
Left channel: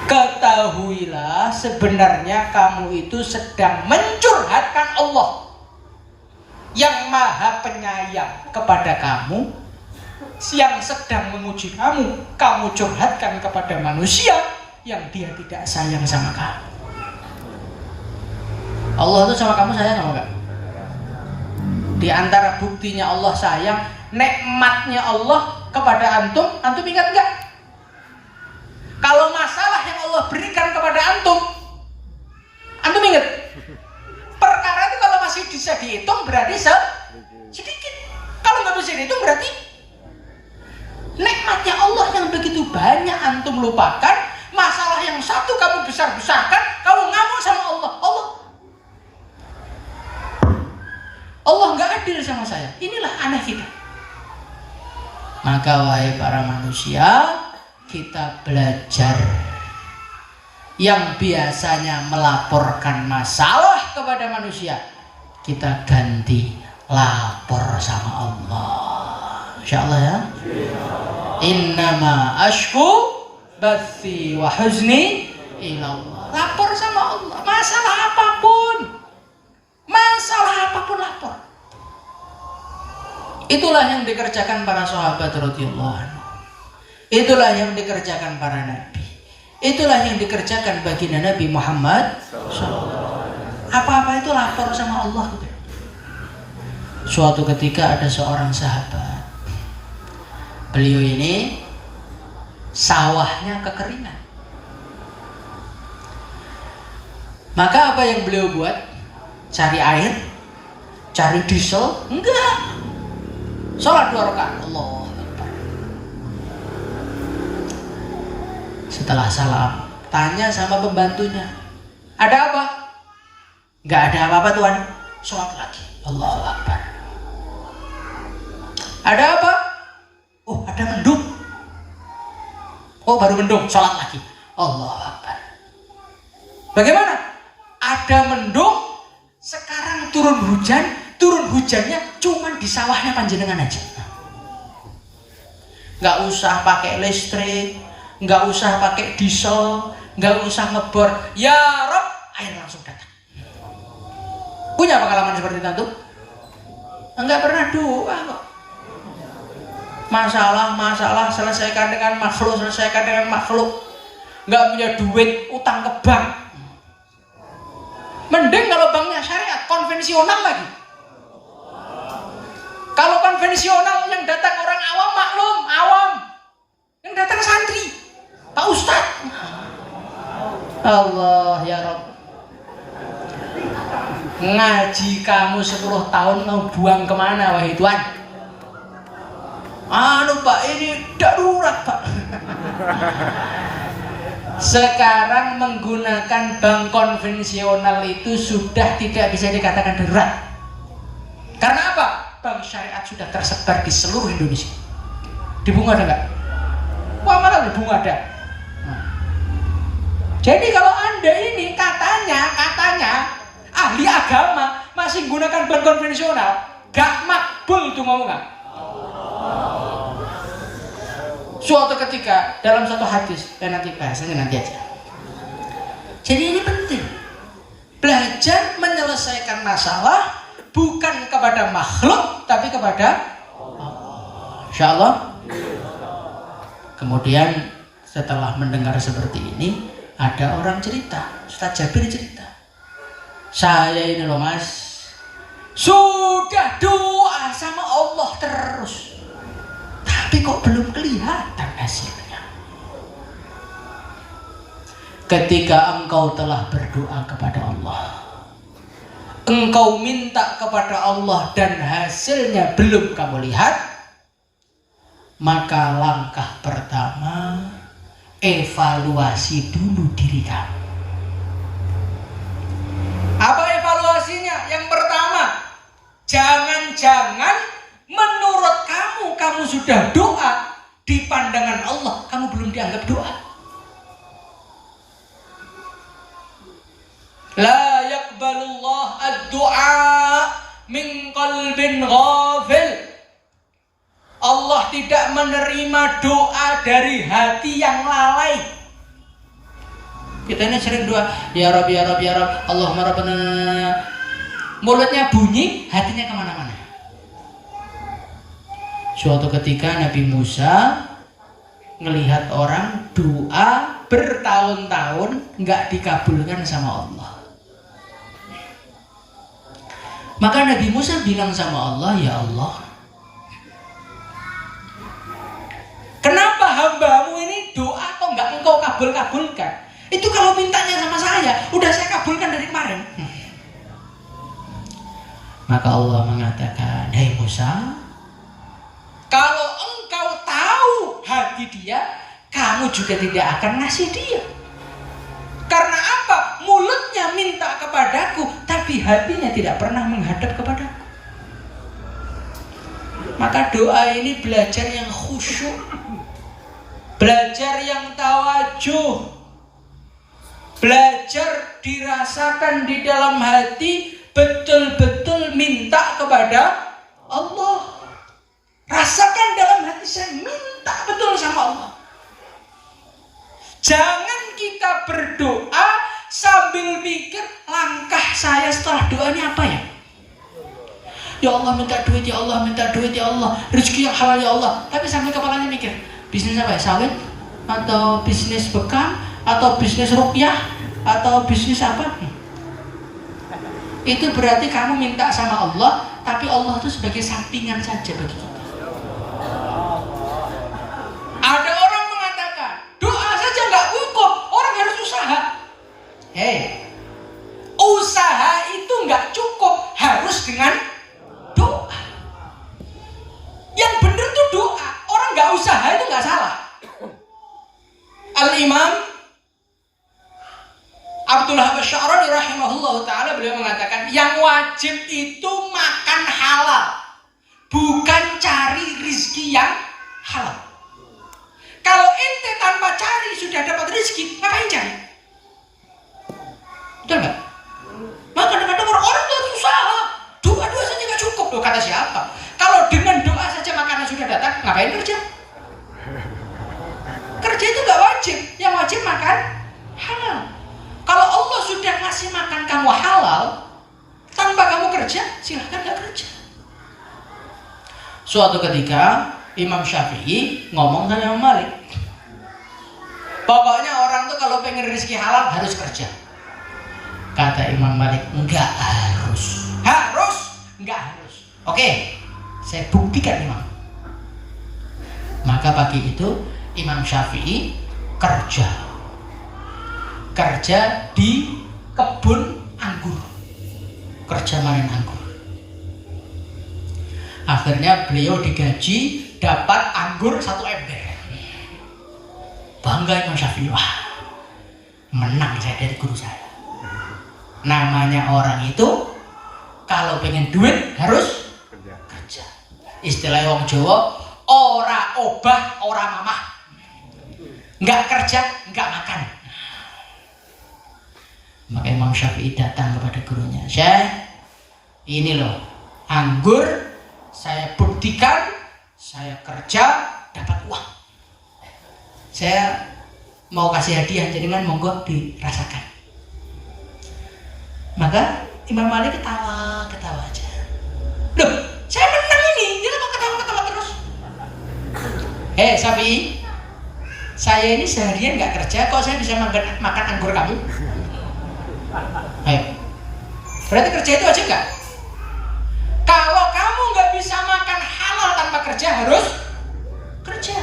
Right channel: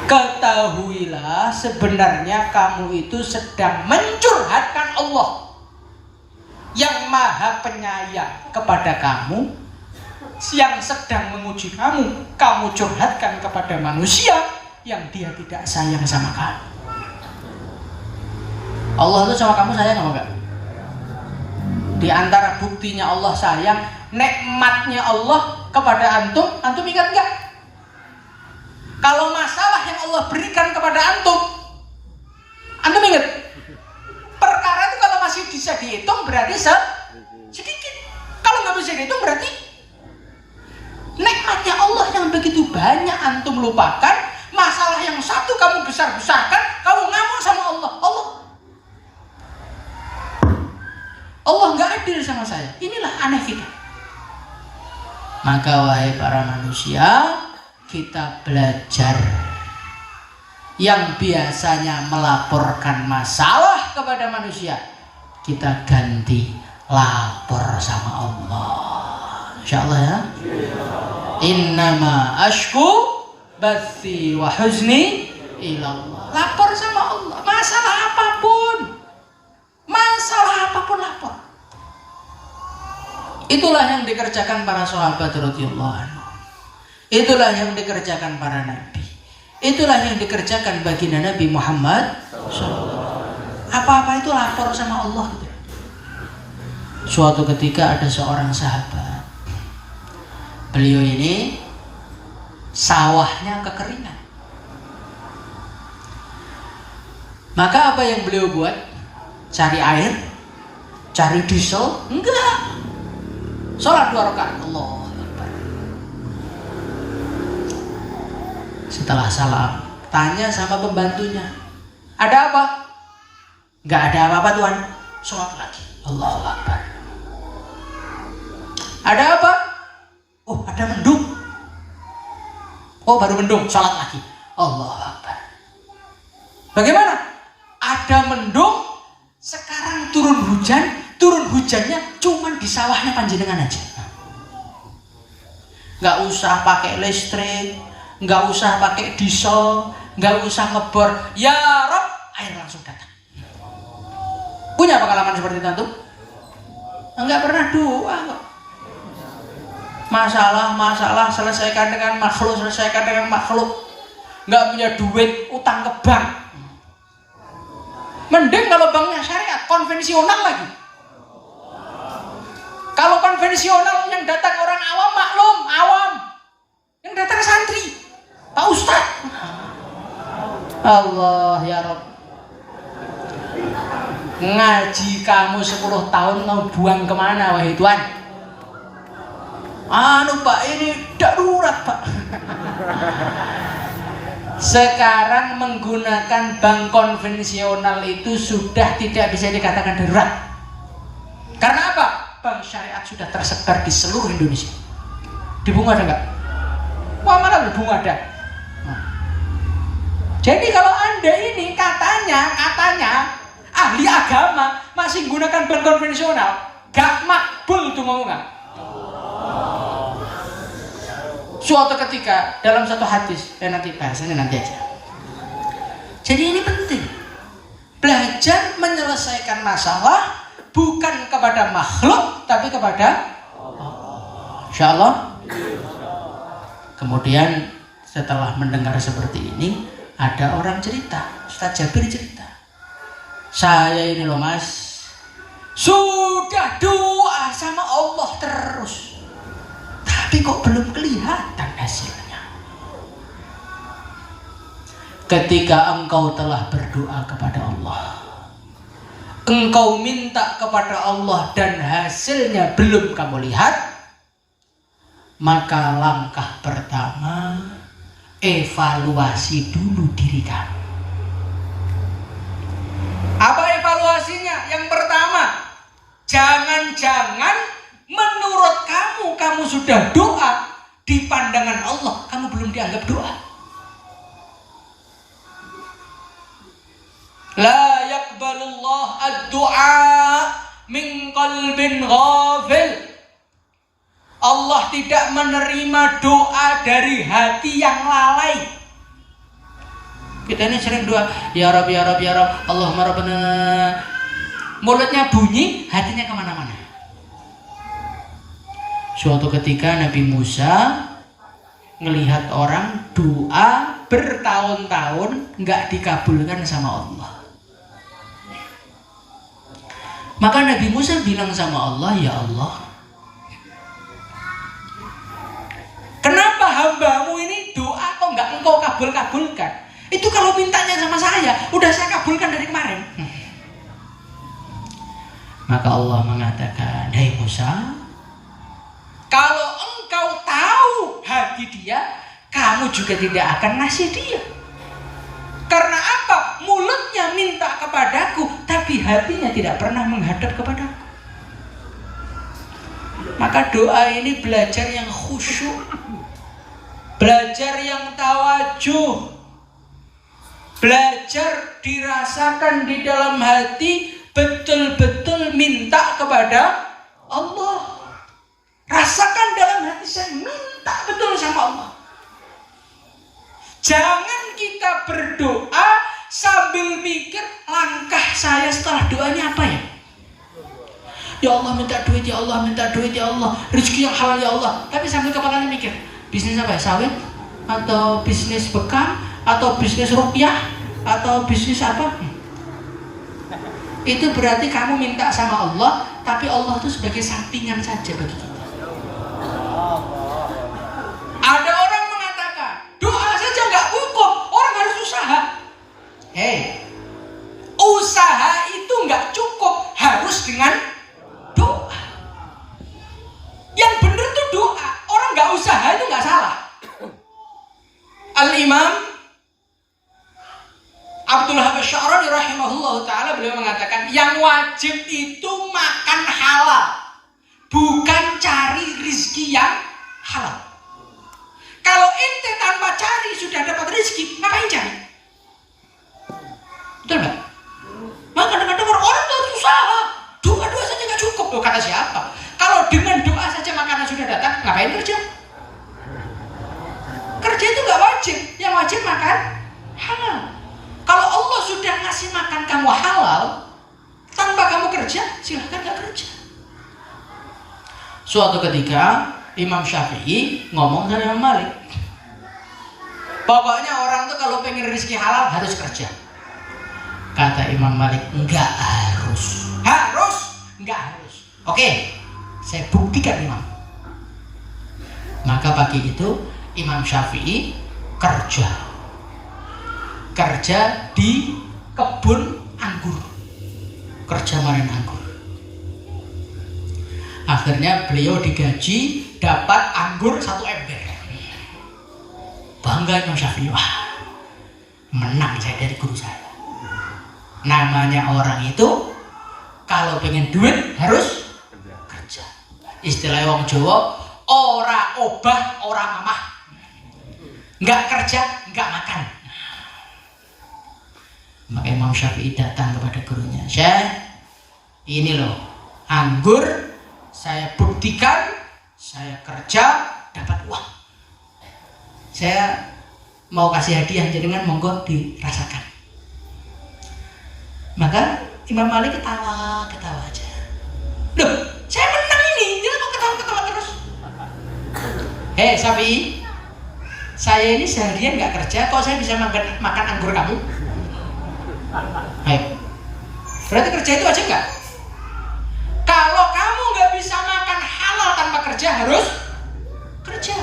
ketahuilah sebenarnya kamu itu sedang mencurhatkan Allah yang maha penyayang kepada kamu, yang sedang menguji kamu. Kamu curhatkan kepada manusia yang dia tidak sayang sama kamu. Allah itu sama kamu sayang apa enggak? Di antara buktinya Allah sayang, nikmatnya Allah kepada antum ingat enggak? Kalau masalah yang Allah berikan kepada antum ingat? Perkara itu kalau masih bisa dihitung berarti sedikit. Kalau nggak bisa dihitung berarti nikmatnya Allah yang begitu banyak antum lupakan. Masalah yang satu kamu besar-besarkan, kamu ngamuk sama Allah. Allah nggak adil sama saya. Inilah aneh kita. Maka wahai para manusia, kita belajar. Yang biasanya melaporkan masalah kepada manusia, kita ganti lapor sama Allah. Insyaallah ya. Innama ashku bathi wa huzni ilallah. Lapor sama Allah. Masalah apapun lapor. Itulah yang dikerjakan para sahabat radhiyallahu anhu. Itulah yang dikerjakan para nabi. Itulah yang dikerjakan baginda Nabi Muhammad SAW. Apa-apa itu lapor sama Allah. Suatu ketika ada seorang sahabat. Beliau ini sawahnya kekeringan. Maka apa yang beliau buat? Cari air? Cari diesel? Enggak. Salat 2 rakaat. Allah. Setelah salam, tanya sama pembantunya, ada apa? Gak ada apa-apa Tuhan. Salat lagi. Allahu Akbar. Ada apa? Oh, ada mendung. Oh, baru mendung. Salat lagi. Allahu Akbar. Bagaimana? Ada mendung. Sekarang turun hujan. Turun hujannya cuman di sawahnya panjenengan aja. Gak usah pakai listrik, gak usah pakai diesel, gak usah ngebor. Ya Rob, air langsung datang. Punya pengalaman seperti itu? Enggak pernah doa kok. Masalah selesaikan dengan makhluk. Enggak punya duit, utang ke bank. Mending kalau banknya syariat, konvensional lagi. Kalau konvensional yang datang orang awam, maklum, awam. Yang datang santri, Pak Ustadz. Allah ya Rob. Ngaji kamu 10 tahun mau buang kemana wahai Tuhan? Pak, ini darurat Pak. Sekarang menggunakan bank konvensional itu sudah tidak bisa dikatakan darurat. Karena apa? Bank syariat sudah tersebar di seluruh Indonesia. Di Bunga ada nggak? Wah, mana di Bunga ada? Nah. Jadi kalau Anda ini katanya ahli agama masih menggunakan bank konvensional, gak makbul itu mau nggak? Suatu ketika dalam satu hadis, nanti bahasanya nanti aja. Jadi ini penting. Belajar menyelesaikan masalah bukan kepada makhluk tapi kepada Allah. Insyaallah. Kemudian setelah mendengar seperti ini, ada orang cerita, Ustaz Jabir cerita, saya ini loh mas, sudah doa sama Allah terus, tapi kok belum kelihatan hasilnya. Ketika engkau telah berdoa kepada Allah, engkau minta kepada Allah dan hasilnya belum kamu lihat, maka langkah pertama, evaluasi dulu diri kamu. Apa evaluasinya? Yang pertama, jangan-jangan menurut kamu sudah doa, di pandangan Allah kamu belum dianggap doa. La yaqbalullah ad-du'a min qalbin ghafil. Allah tidak menerima doa dari hati yang lalai. Kita ini sering doa, ya Rabb, ya Rabb, ya Rabb, Allahumma Rabbana. Mulutnya bunyi, hatinya kemana-mana. Suatu ketika Nabi Musa ngelihat orang doa bertahun-tahun nggak dikabulkan sama Allah. Maka Nabi Musa bilang sama Allah, ya Allah, kenapa hambamu ini doa kok nggak engkau kabulkan? Itu kalau mintanya sama saya, udah saya kabulkan dari kemarin. Maka Allah mengatakan, hei Musa, kalau engkau tahu hati dia, kamu juga tidak akan ngasih dia. Karena apa? Mulutnya minta kepadaku, tapi hatinya tidak pernah menghadap kepadaku. Maka doa ini belajar yang khusyuk, belajar yang tawajuh, belajar dirasakan di dalam hati, betul-betul minta kepada Allah. Rasakan dalam hati saya minta betul sama Allah. Jangan kita berdoa sambil mikir langkah saya setelah doanya apa ya? Ya Allah minta duit, ya Allah minta duit, ya Allah rezeki yang halal, ya Allah. Tapi sambil kepalanya mikir, bisnis apa ya? Sawit? Atau bisnis bekam? Atau bisnis rupiah? Atau bisnis apa? Itu berarti kamu minta sama Allah, tapi Allah itu sebagai sampingan saja bagi kita. Ada orang mengatakan doa saja nggak cukup, orang harus usaha. Hei, usaha itu nggak cukup, harus dengan doa. Yang benar tuh doa. Orang nggak usaha itu nggak salah. Al-Imam Abdullah Asy'ari rahimahullah ta'ala beliau mengatakan, yang wajib itu makan halal, bukan cari rizki yang halal. Kalau ente tanpa cari sudah dapat rezeki, ngapain cari? Betul nggak? Maka kadang-kadang orang itu harus usaha. Doa saja nggak cukup. Loh, kata siapa? Kalau dengan doa saja makanan sudah datang, ngapain kerja? Kerja itu nggak wajib. Yang wajib makan halal. Kalau Allah sudah ngasih makan kamu halal, tanpa kamu kerja, silahkan nggak kerja. Suatu ketika Imam Syafi'i ngomong sama Imam Malik, pokoknya orang tuh kalau pengen rezeki halal harus kerja. Kata Imam Malik, enggak harus. Harus? Enggak harus. Oke, saya buktikan Imam. Maka pagi itu Imam Syafi'i kerja di kebun anggur, kerja manen anggur. Akhirnya beliau digaji, dapat anggur 1 ember. Bangga Imam Syafi'i, wah menang saya dari guru saya. Namanya orang itu kalau pengen duit harus kerja. Istilah wong Jawa, ora obah ora mamah. Enggak kerja, enggak makan. Maka Imam Syafi'i datang kepada gurunya, Syekh, ini loh anggur, saya buktikan saya kerja dapat uang. Saya mau kasih hadiah, jenengan monggo dirasakan. Maka Imam Malik ketawa aja. Loh, saya menang ini, dia mau ketawa terus. Sapi, saya ini seharian nggak kerja, kok saya bisa makan anggur kamu? Berarti kerja itu aja nggak? Kalau kamu nggak bisa makan halal tanpa kerja, harus kerja.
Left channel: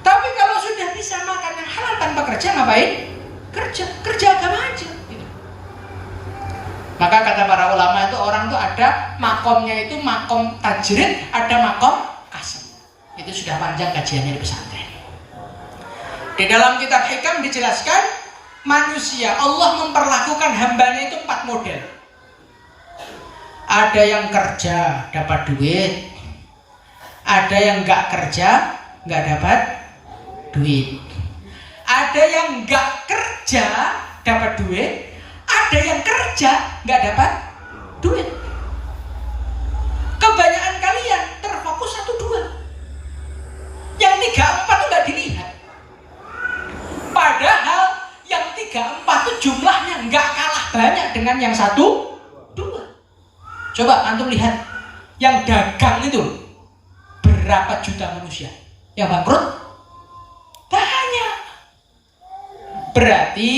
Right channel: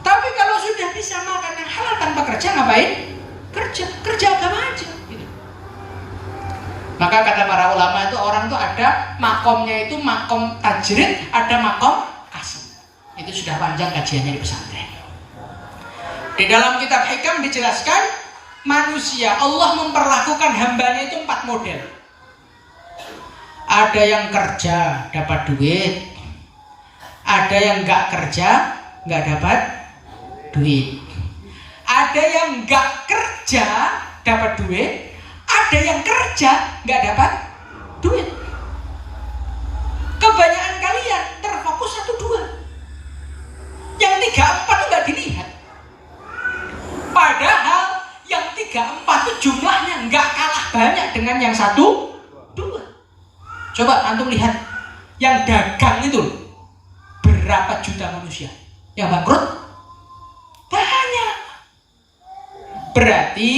Tapi kalau sudah bisa makan yang halal tanpa kerja, ngapain? Kerja agama aja. Maka kata para ulama itu, orang tuh ada makomnya itu makom tajrid, ada makom kasab. Itu sudah panjang kajiannya di pesantren. Di dalam kitab Hikam dijelaskan, manusia Allah memperlakukan hambanya itu 4 model. Ada yang kerja dapat duit, ada yang nggak kerja nggak dapat duit, ada yang nggak kerja dapat duit, ada yang kerja nggak dapat duit. Kebanyakan kalian terfokus 1-2, yang 3-4 itu nggak dilihat. Padahal yang 3-4 itu jumlahnya nggak kalah banyak dengan yang 1-2. Coba antum lihat, yang dagang itu berapa juta manusia, yang bangkrut banyak. Berarti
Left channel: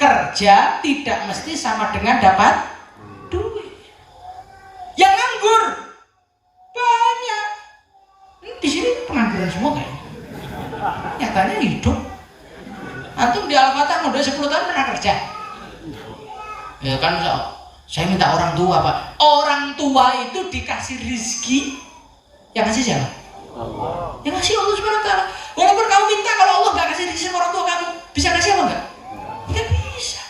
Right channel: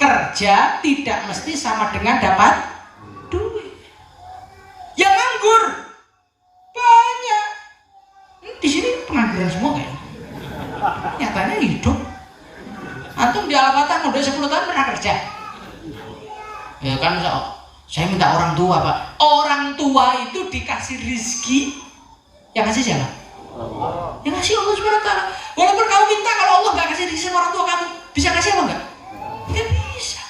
kerja tidak mesti sama dengan dapat duit. Yang nganggur banyak. Di sini pengangguran semua kan? Nyatanya hidup. Antum di Al-Fatah udah 10 tahun pernah kerja? Ya kan, saya minta orang tua, Pak. Orang tua itu dikasih rizki, yang kasih siapa? Allah. Yang kasih Allah SWT. Walaupun kamu minta, kalau Allah nggak kasih rizki sama orang tua kamu, bisa kasih apa enggak? Tidak bisa.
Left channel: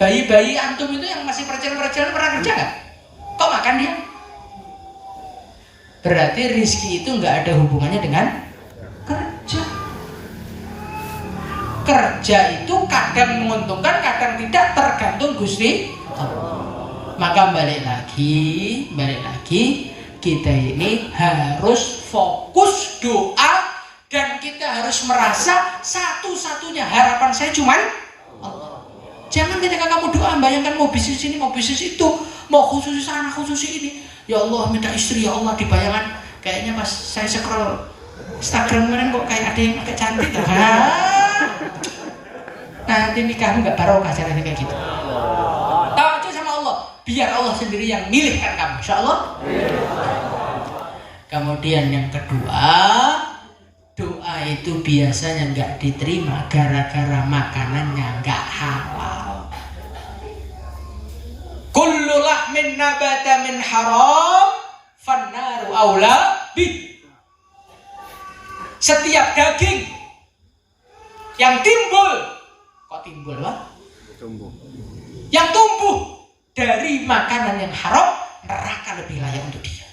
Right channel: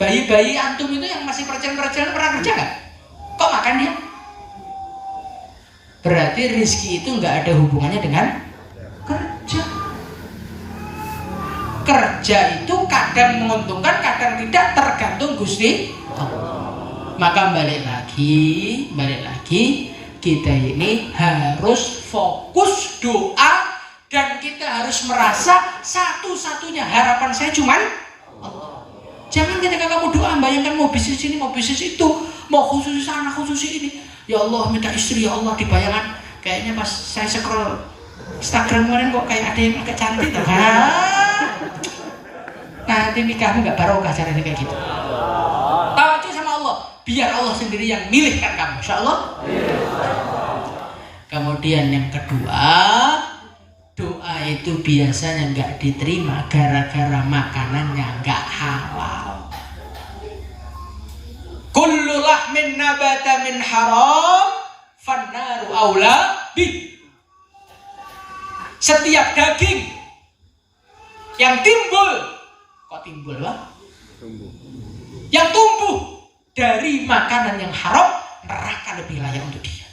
Bayi-bayi antum itu yang masih perjalanan pernah kerja nggak? Kok makan dia? Berarti rizki itu nggak ada hubungannya dengan kerja. Kerja itu kadang menguntungkan, kadang tidak, tergantung Gusti. Maka balik lagi kita ini harus fokus doa, dan kita harus merasa satu-satunya harapan saya cuman Allah. Jangan ketika kamu doa bayangkan mau bisnis ini, mau bisnis itu, mau khusus sana, khusus ini. Ya Allah minta istri, ya Allah, dibayangkan kayaknya pas saya scroll Instagram kemarin kok kayak ada yang pakai cantik tuh. Nah, nanti nikahmu nggak barokah cara kayak gitu. Tawakkul sama Allah, biar Allah sendiri yang milihkan kamu, insya Allah. Kemudian yang kedua, doa itu biasanya nggak diterima gara-gara makanannya nggak halal. Kullu lahmin nabata min haram, fannaru aula bih. Setiap daging yang timbul, yang tumbuh dari makanan yang haram, neraka lebih layak untuk dia.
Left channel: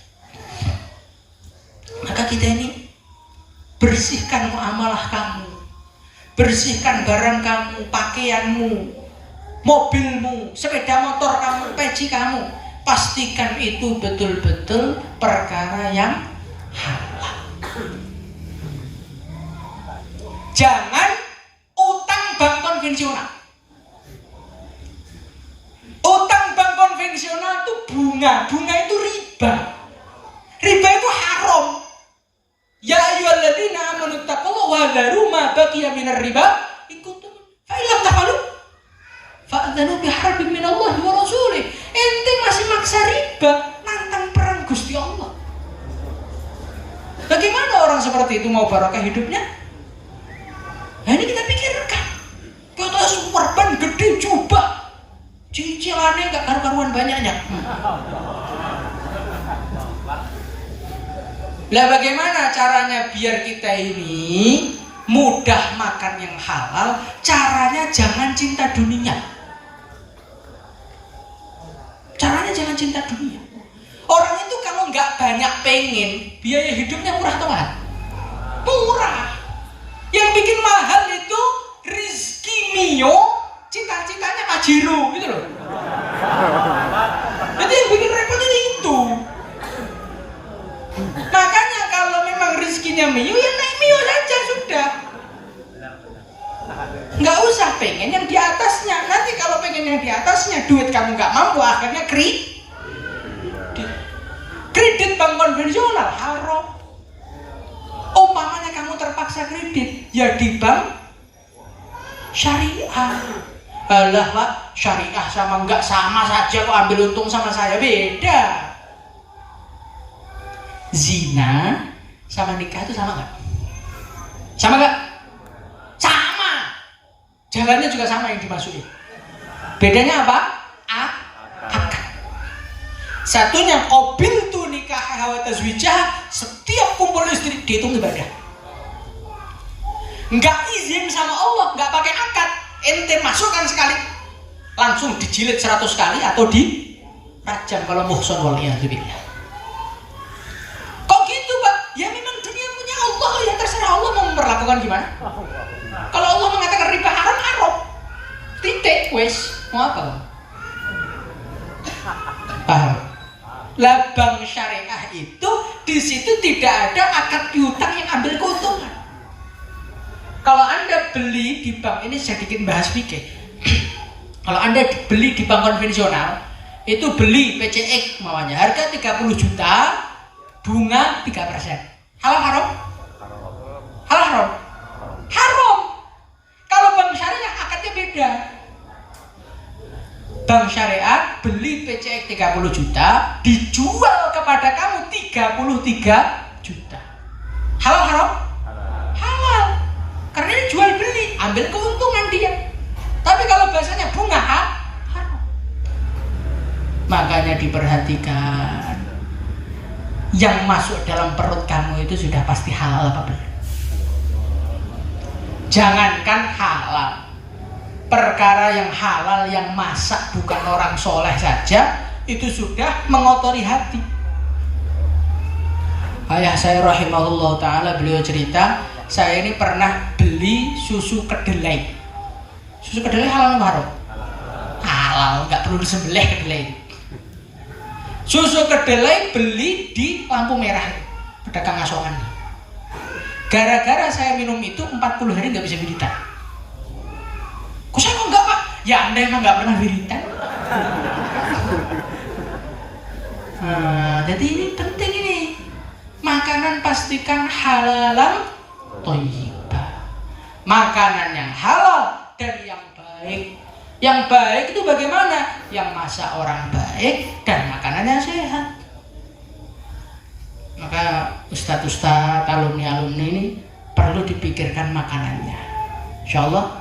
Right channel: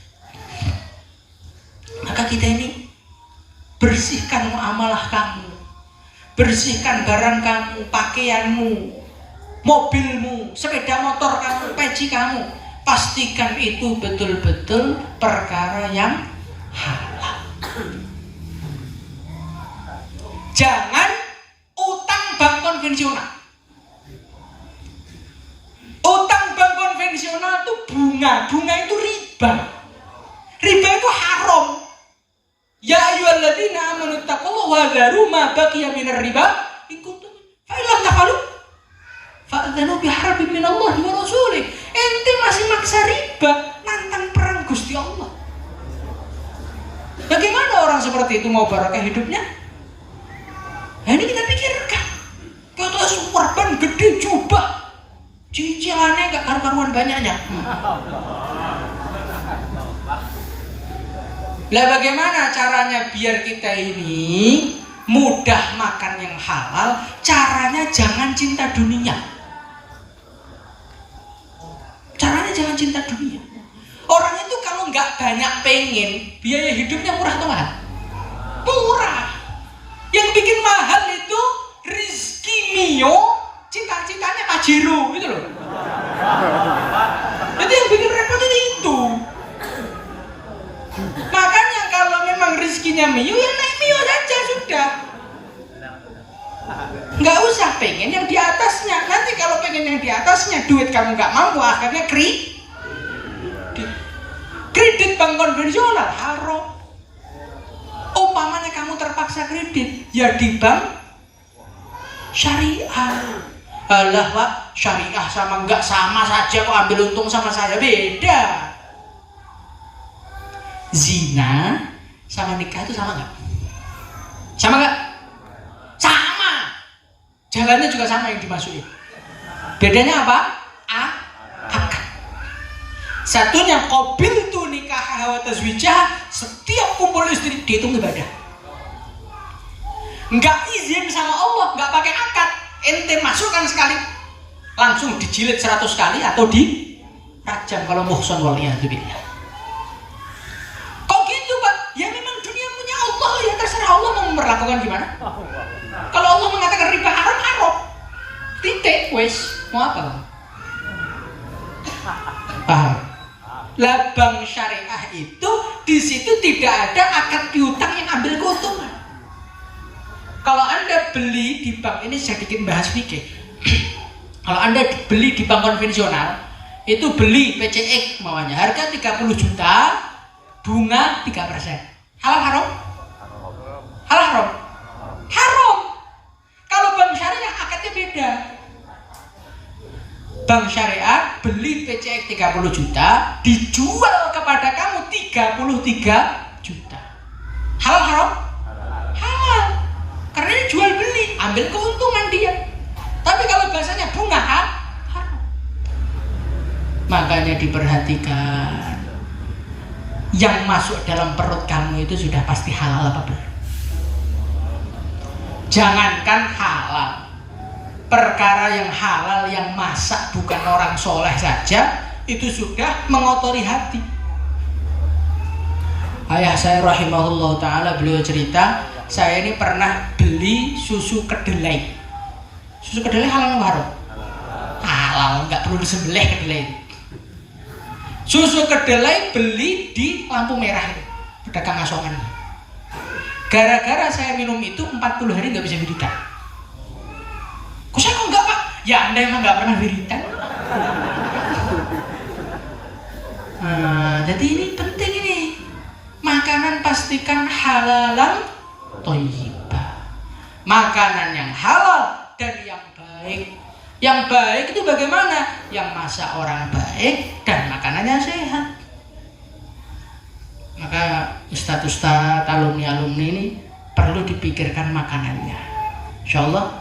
Maka kita ini bersihkan muamalah kamu, bersihkan barang kamu, pakaianmu, mobilmu, sepeda motor kamu, peci kamu. Pastikan itu betul-betul perkara yang halal. Jangan utang bank konvensional. Utang bank konvensional itu bunga itu riba. Riba itu haram. Ya ayyuhalladzina amanu taqullaha wa dharu ma baqiya minar riba in kuntum fa illam taf'alu fa'dzanu biharbin minallahi wa rasulih. Ente masih maksa riba, nantang perang Gusti Allah. Bagaimana orang seperti itu mau barokah hidupnya? Nah, ini kita pikirkan. Kita superban gede jubah, cicilannya gak karu-karuan banyaknya. Lah bagaimana caranya biar kita ini mudah makan yang halal? Caranya jangan cinta dunia. Caranya jangan cinta dunia. Orang itu kalau nggak banyak pengen, biaya hidupnya murah atau mahal? Murah. Yang bikin mahal itu Rizky Mio, cita-citanya Pajero gitu loh. Jadi yang bikin repot itu. Makanya kalau memang rezekinya Mio, ya naik Mio saja sudah. Nggak usah pengen yang di atasnya. Nanti kalau pengen yang di orang nggak mampu akhirnya kredit bank konvensional haram. Umpamanya kamu terpaksa kredit ya di bank syariah. Alah Pak, syariah sama enggak sama saja kok, ambil untung sama saya beda. Zina sama nikah itu sama enggak? Sama enggak? Sama. Jalannya juga sama yang dimasukin. Bedanya apa? Akad. Satunya qabil tu nikah wa tazwijah, setiap kumpul istri dihitung ibadah. Enggak izin sama Allah, enggak pakai akad, ente masukkan sekali langsung dijilid 100 kali atau di rajam kalau muhsan waliyadzubillah. Kok gitu Pak? Ya memang dunia punya Allah, ya terserah Allah mau memperlakukan gimana. Kalau Allah mengatakan riba haram, haram. Titik, wes. Mau apa Bang? Paham? Lah bank syariah itu di situ tidak ada akad piutang yang ambil keuntungan. Kalau Anda beli di bank, ini saya bikin bahas sedikit. Kalau Anda beli di bank konvensional, itu beli PCX maunya harga 30 juta, bunga 3%. Halal haram? Halal haram? Haram. Kalau bank syariah akadnya beda. Bank syariah beli PCX 30 juta, dijual kepada kamu 33 juta. Halal haram? Halal. Karena ini jual beli, ambil keuntungan dia. Tapi kalau bahasanya bunga haram. Makanya diperhatikan. Yang masuk dalam perut kamu itu sudah pasti halal apa belum? Jangankan halal, perkara yang halal yang masak bukan orang soleh saja itu sudah mengotori hati. Ayah saya rahimahullah ta'ala, beliau cerita, saya ini pernah beli susu kedelai. Susu kedelai halal atau haram? Halal, nggak perlu disembelih kedelai. Susu kedelai beli di lampu merah, pedagang asongan. Gara-gara saya minum itu 40 hari nggak bisa wiridan. Kok saya kok enggak Pak? Ya Anda emang nggak pernah wiridan. Jadi ini penting ini. Makanan pastikan halalan thayyibah. Makanan yang halal dan yang baik. Yang baik itu bagaimana? Yang masak orang baik dan makanannya sehat. Maka ustadz-ustadz, alumni-alumni ini perlu dipikirkan makanannya. Insyaallah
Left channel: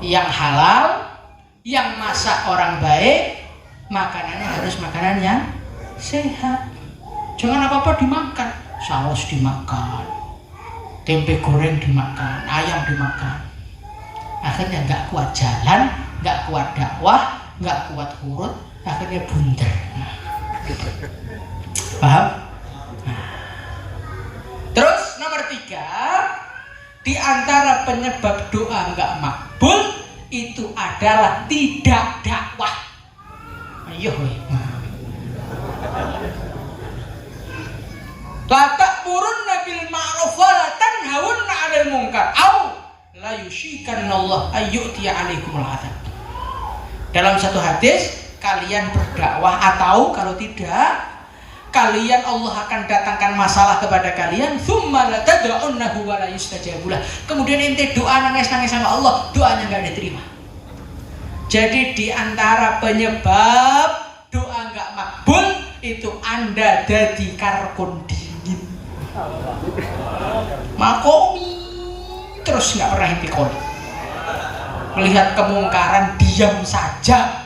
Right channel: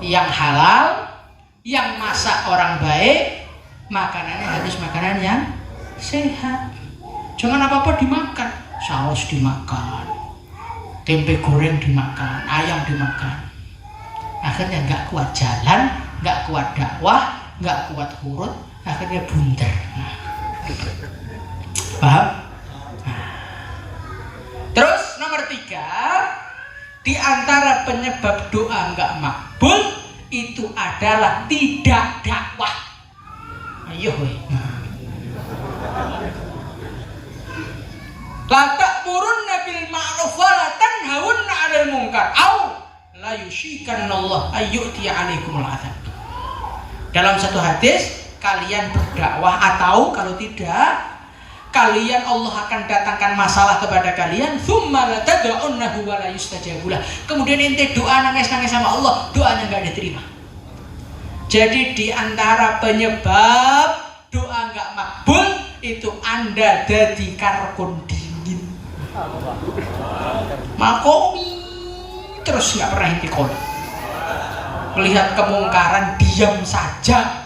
yang halal, yang masak orang baik, makanannya harus makanan yang sehat. Jangan apa-apa dimakan, saus dimakan, tempe goreng dimakan, ayam dimakan. Akhirnya nggak kuat jalan, nggak kuat dakwah, nggak kuat urut, akhirnya bundar. Paham? Terus nomor 3, di antara penyebab doa nggak makbul itu adalah tidak dakwah. Ayo, la ta'murunna bil ma'ruf wa la tanhawunna 'anil munkar aw la yushikanallahu ayyuti 'alaikumul 'adzab. Dalam satu hadis, kalian berdakwah atau kalau tidak kalian Allah akan datangkan masalah kepada kalian, tsumma la tad'unnahu wa la yustajabulah. Kemudian ente doa nangis-nangis sama Allah, doanya enggak diterima. Jadi di antara penyebab doa enggak makbul itu Anda dadi karkon dingin. Makom terus enggak pernah intikon. Melihat kemungkaran diam saja.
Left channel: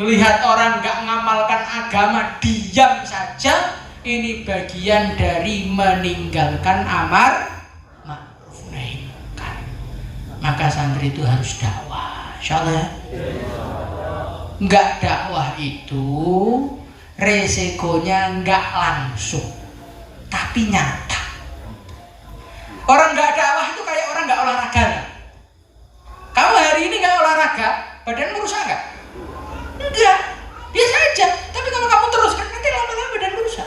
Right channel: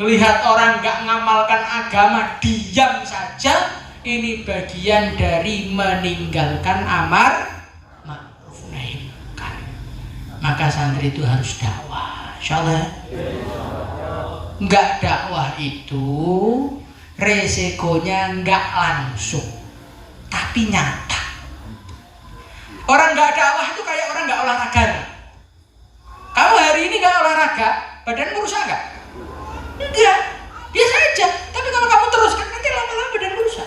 Melihat orang nggak ngamalkan agama diam saja, ini bagian dari meninggalkan amar ma'ruf nahi munkar. Maka santri itu harus dakwah, insyaallah. Nggak dakwah itu resikonya nggak langsung, tapi nyata. Orang nggak dakwah itu kayak orang nggak olahraga. Kalau hari ini nggak olahraga, badan rusak nggak? Enggak, biasa aja. Tapi kalau kamu teruskan nanti lama-lama dan rusak.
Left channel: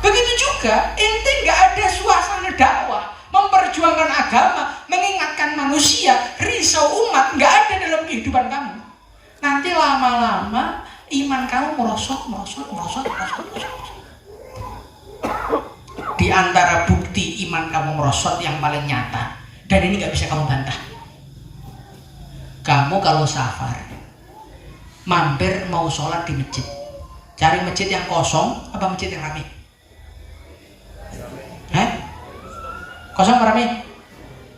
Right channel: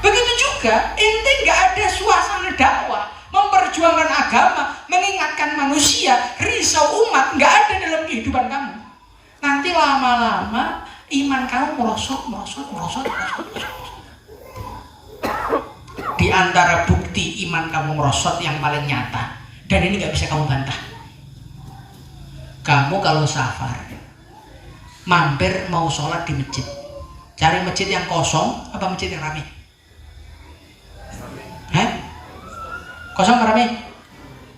Begitu juga, ente nggak ada suasana dakwah, memperjuangkan agama, mengingatkan manusia, risau umat, nggak ada dalam kehidupan kamu. Nanti lama-lama iman kamu merosot. Di antara bukti iman kamu merosot yang paling nyata, dan ini nggak bisa kamu bantah. Kamu kalau safar, mampir mau sholat di masjid, cari masjid yang kosong apa masjid yang ramai? Kosong apa ramai?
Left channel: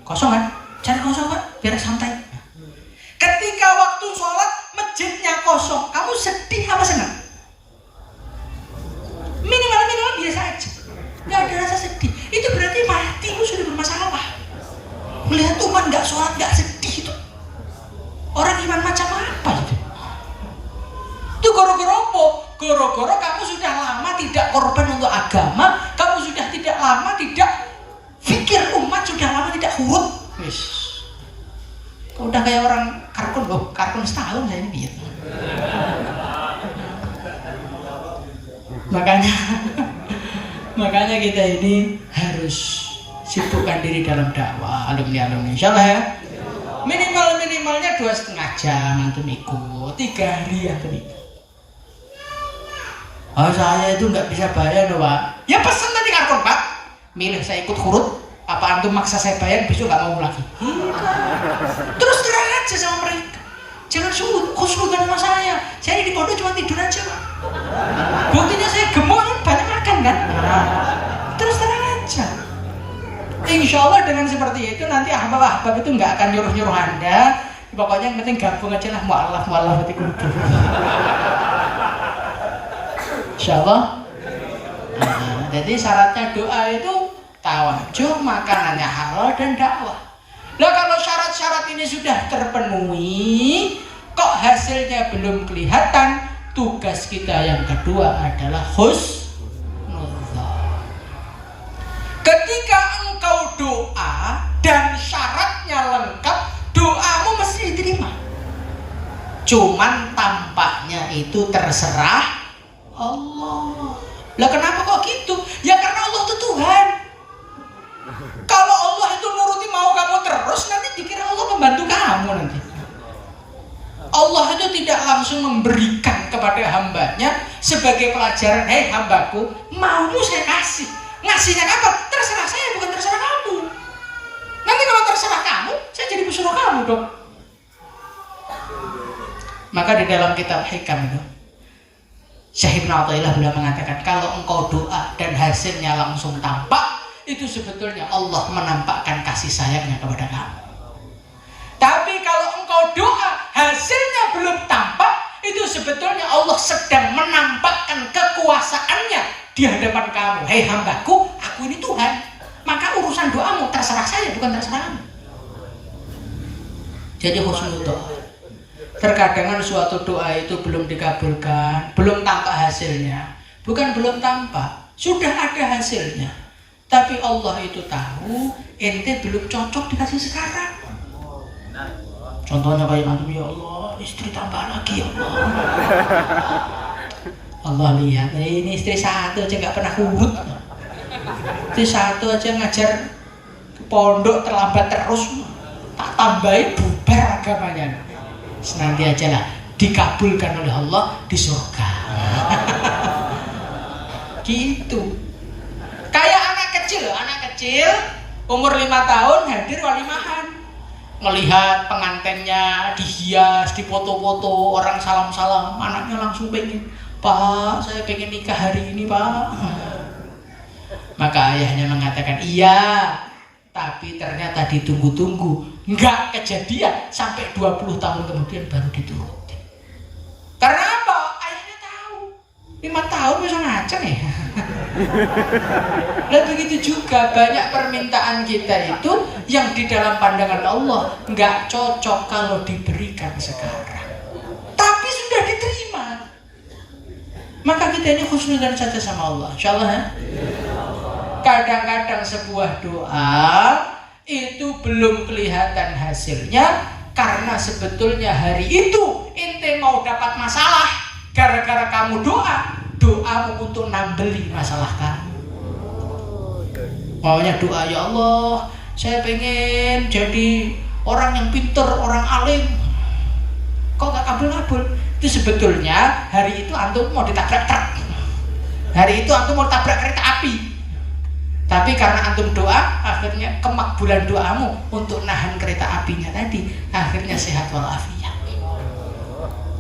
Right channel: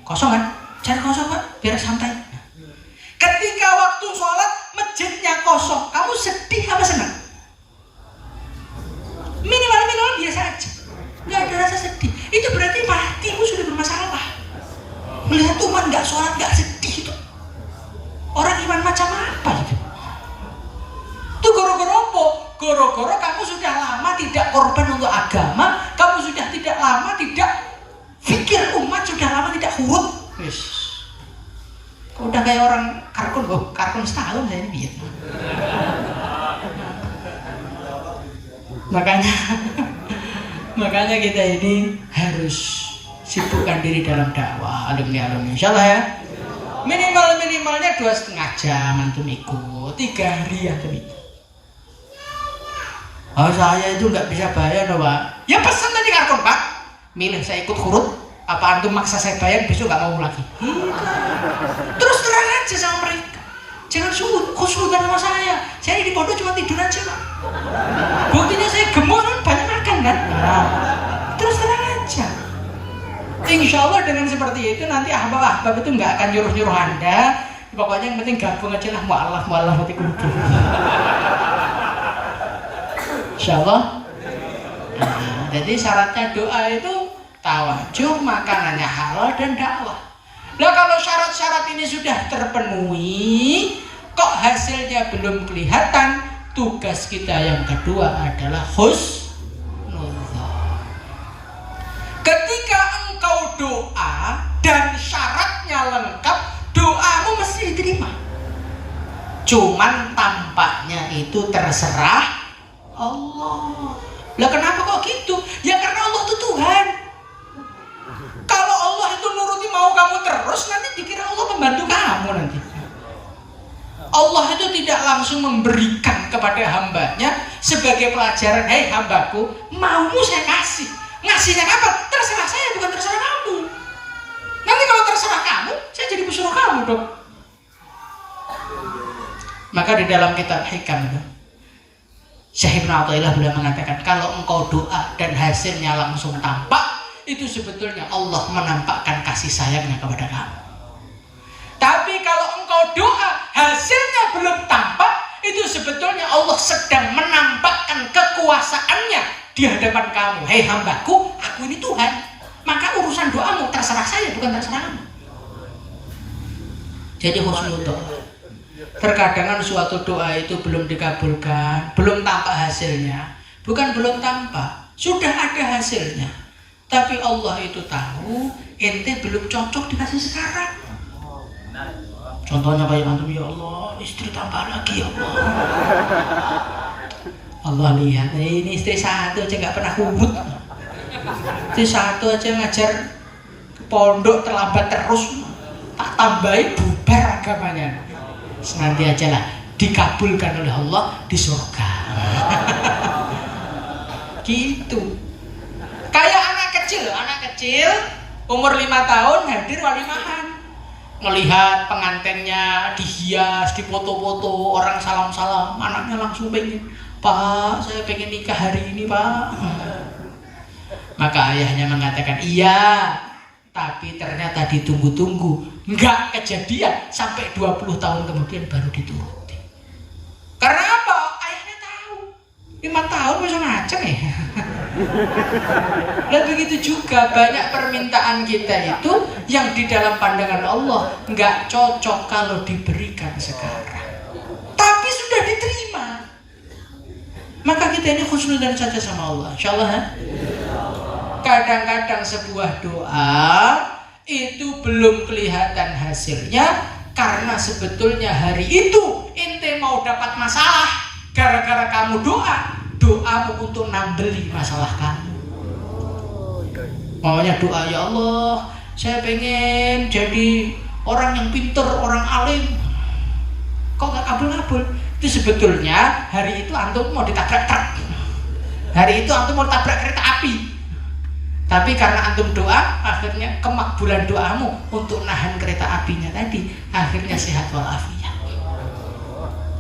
Kosong kan? Cari kosong kan? Biar santai. Ketika waktu sholat masjidnya kosong, kamu sedih apa senang? Minimal biasa aja, nggak ada rasa sedih. Itu berarti hatimu sudah bermasalah. Melihat umat nggak sholat nggak sedih itu orang iman macam apa gitu? Itu gara-gara apa? Gara-gara kamu sudah lama tidak korban untuk agama, kamu sudah tidak lama tidak pikir umat, sudah lama tidak huruf. Udah kayak orang kartun setahun saya ini. Makanya kita ini harus sibukkan diri dalam dakwah, alumni insyaallah ya. Minimalnya 2,5 jam antum ikut, 3 hari antum ikut. Oh saya itu nggak bisa bayar loh Pak. Ya pesan tadi karton Pak, milih saya ikut huruf apa antum maksa saya bayar, besok nggak mau lagi. Terus terang aja sama mereka, jangan khusnudan sama saya di pondok cuma tidur aja Pak. Buktinya saya gemuk kan banyak makan kan. Terus terang aja. Insya Allah dengan seperti itu nanti ahbab itu nggak akan nyuruh Anda. Pokoknya yang penting gabung aja lah, mu'allaf hati kulub. Insya Allah. Jadi syaratnya doa itu tawajuh, makanannya halal dan dakwah. Nah kalau syarat-syarat ini sudah terpenuhi, kok hasilnya belum kelihatan, tugas kita yang kedua adalah husnuzan. Ketika engkau doa dan syaratnya lengkap, doamu mesti diterima. Cuman tampaknya itu terserah Allah. Lah kenapa kok gitu? Ya karena Allah itu Tuhan. Kalau Allah itu nuruti mau kamu terus, nanti dikira Allah membantu kamu nanti. Allah itu tidak langsung memberikan kepada hambanya sebagai pelajaran, hei hambaku, maumu saya kasih. Ngasihnya apa? Terserah saya, bukan terserah kamu. Nanti kalau terserah kamu, saya jadi pesuruh kamu dong. Maka di dalam kitab Hikam itu, Syekh Ibnu Athaillah beliau mengatakan, kalau engkau doa dan hasilnya langsung tampak, itu sebetulnya Allah menampakkan kasih sayangnya kepada kamu. Tapi kalau engkau doa hasilnya belum tampak, itu sebetulnya Allah sedang menampakkan kekuasaannya di hadapan kamu. Hei hambaku, aku ini Tuhan, maka urusan doamu terserah saya, bukan terserah kamu. Jadi husnudzon. Terkadang suatu doa itu belum dikabulkan, belum tampak hasilnya. Bukan belum tampak, sudah ada hasilnya. Tapi Allah itu tahu ente belum cocok dikasih sekarang. Contohnya kayak antum, ya Allah, istri tambah lagi ya Allah. Allah lihat, ini istri satu aja nggak pernah urut. Istri satu aja ngajar ke pondok terlambat terus, tak tambahin bubar agamanya. Nanti aja lah dikabulkan oleh Allah di surga. Gitu. Kayak anak kecil umur 5 tahun hadir walimahan, melihat pengantinnya dihias, dipoto-foto, orang salam-salam, anaknya langsung pengen, Pak, saya pengen nikah hari ini Pak. Maka ayahnya mengatakan, iya, tapi ternyata ditunggu-tunggu, nggak kejadian, sampai 20 tahun kemudian baru dituruti. Karena apa? Ayahnya tahu 5 tahun bisa ngaceng ya. Dan begitu juga banyak permintaan kita itu yang di dalam pandangan Allah nggak cocok kalau diberikan sekarang, tapi sudah diterima. Maka kita ini husnudzan saja sama Allah, insyaallah ya. Kadang-kadang sebuah doa itu belum kelihatan hasilnya karena sebetulnya hari itu ente mau dapat masalah gara-gara kamu doamu untuk nambeli masalah kamu. Maunya doa, ya Allah, saya pengen jadi orang yang pintar, orang alim. Kok gak kabul-kabul? Itu sebetulnya hari itu antum mau ditabrak truk, hari itu antum mau tabrak kereta api, tapi karena antum doa, akhirnya kemakbulan doamu untuk nahan kereta apinya tadi, akhirnya sehat walafiat.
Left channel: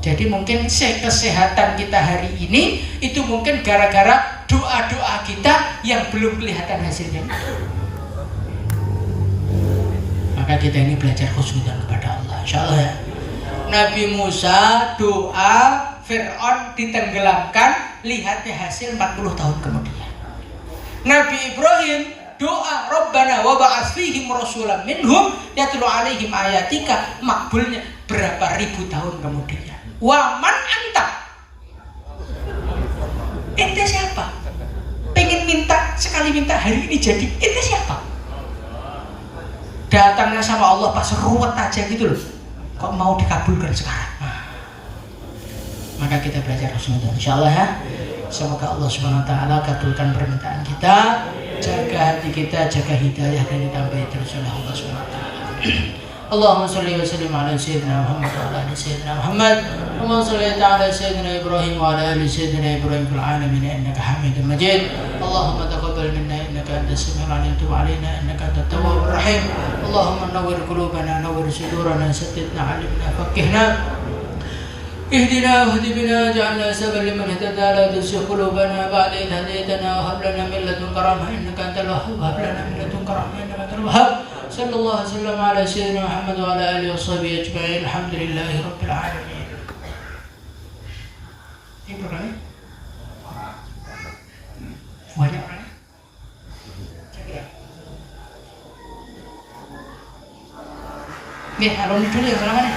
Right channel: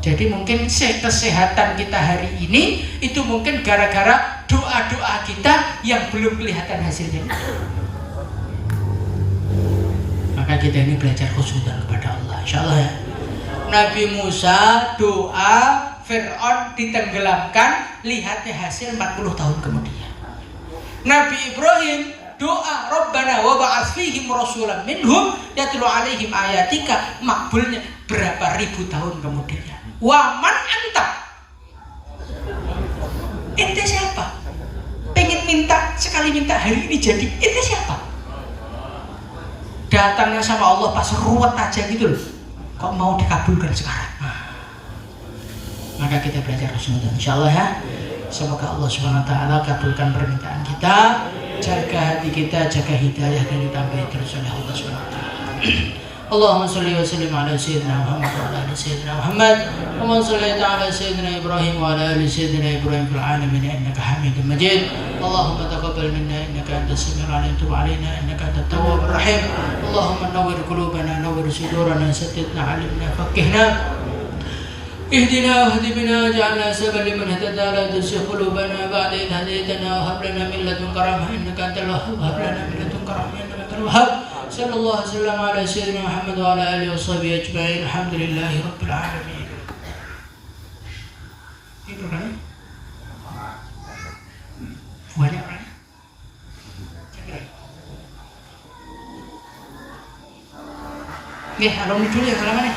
Jadi mungkin kesehatan kita hari ini itu mungkin gara-gara doa-doa kita yang belum kelihatan hasilnya. Maka kita ini belajar khusyuk kepada Allah, insyaallah ya. Nabi Musa doa Fir'aun ditenggelamkan, lihatnya hasil 40 tahun kemudian. Nabi Ibrahim doa Rabbana wa ba'ats fihim rasulan minhum yatlu alaihim ayatika, makbulnya berapa ribu tahun kemudian. Wa man anta, ente siapa? Pengen minta, sekali minta hari ini jadi, ente siapa? Datangnya sama Allah pas ruwet aja gitu loh, kok mau dikabulkan sekarang. Maka kita belajar husnuzon, insyaallah ya. Semoga Allah Subhanahu wa taala kabulkan permintaan kita, jaga hati kita, jaga hidayah dan ditambahi terus oleh Allah Subhanahu wa taala. Allahumma shalli wa sallim ala sayyidina Muhammad wa ala ali sayyidina Muhammad. Allahumma shalli ala sayyidina Ibrahim wa ala ali sayyidina Ibrahim fil alamin innaka Hamidum Majid. Allahumma taqabbal minna innaka antas samiul alim tub alaina innaka antat tawwabur rahim. Allahumma nawwir qulubana nawwir sudurana saddidna alimna faqihna اهدنا واهد بنا واجعلنا سببا لمن اهتدى لا تزغ قلوبنا بعد إذ هديتنا وهب لنا من لدنك رحمة إنك أنت الوهاب وهب لنا من لدنك رحمة إنك أنت الوهاب صلى الله وسلم على سيدنا محمد وعلى آله وصحبه أجمعين الحمد لله رب العالمين. Itu kan? Banyak kan? Nih, abang dulu yang namanya.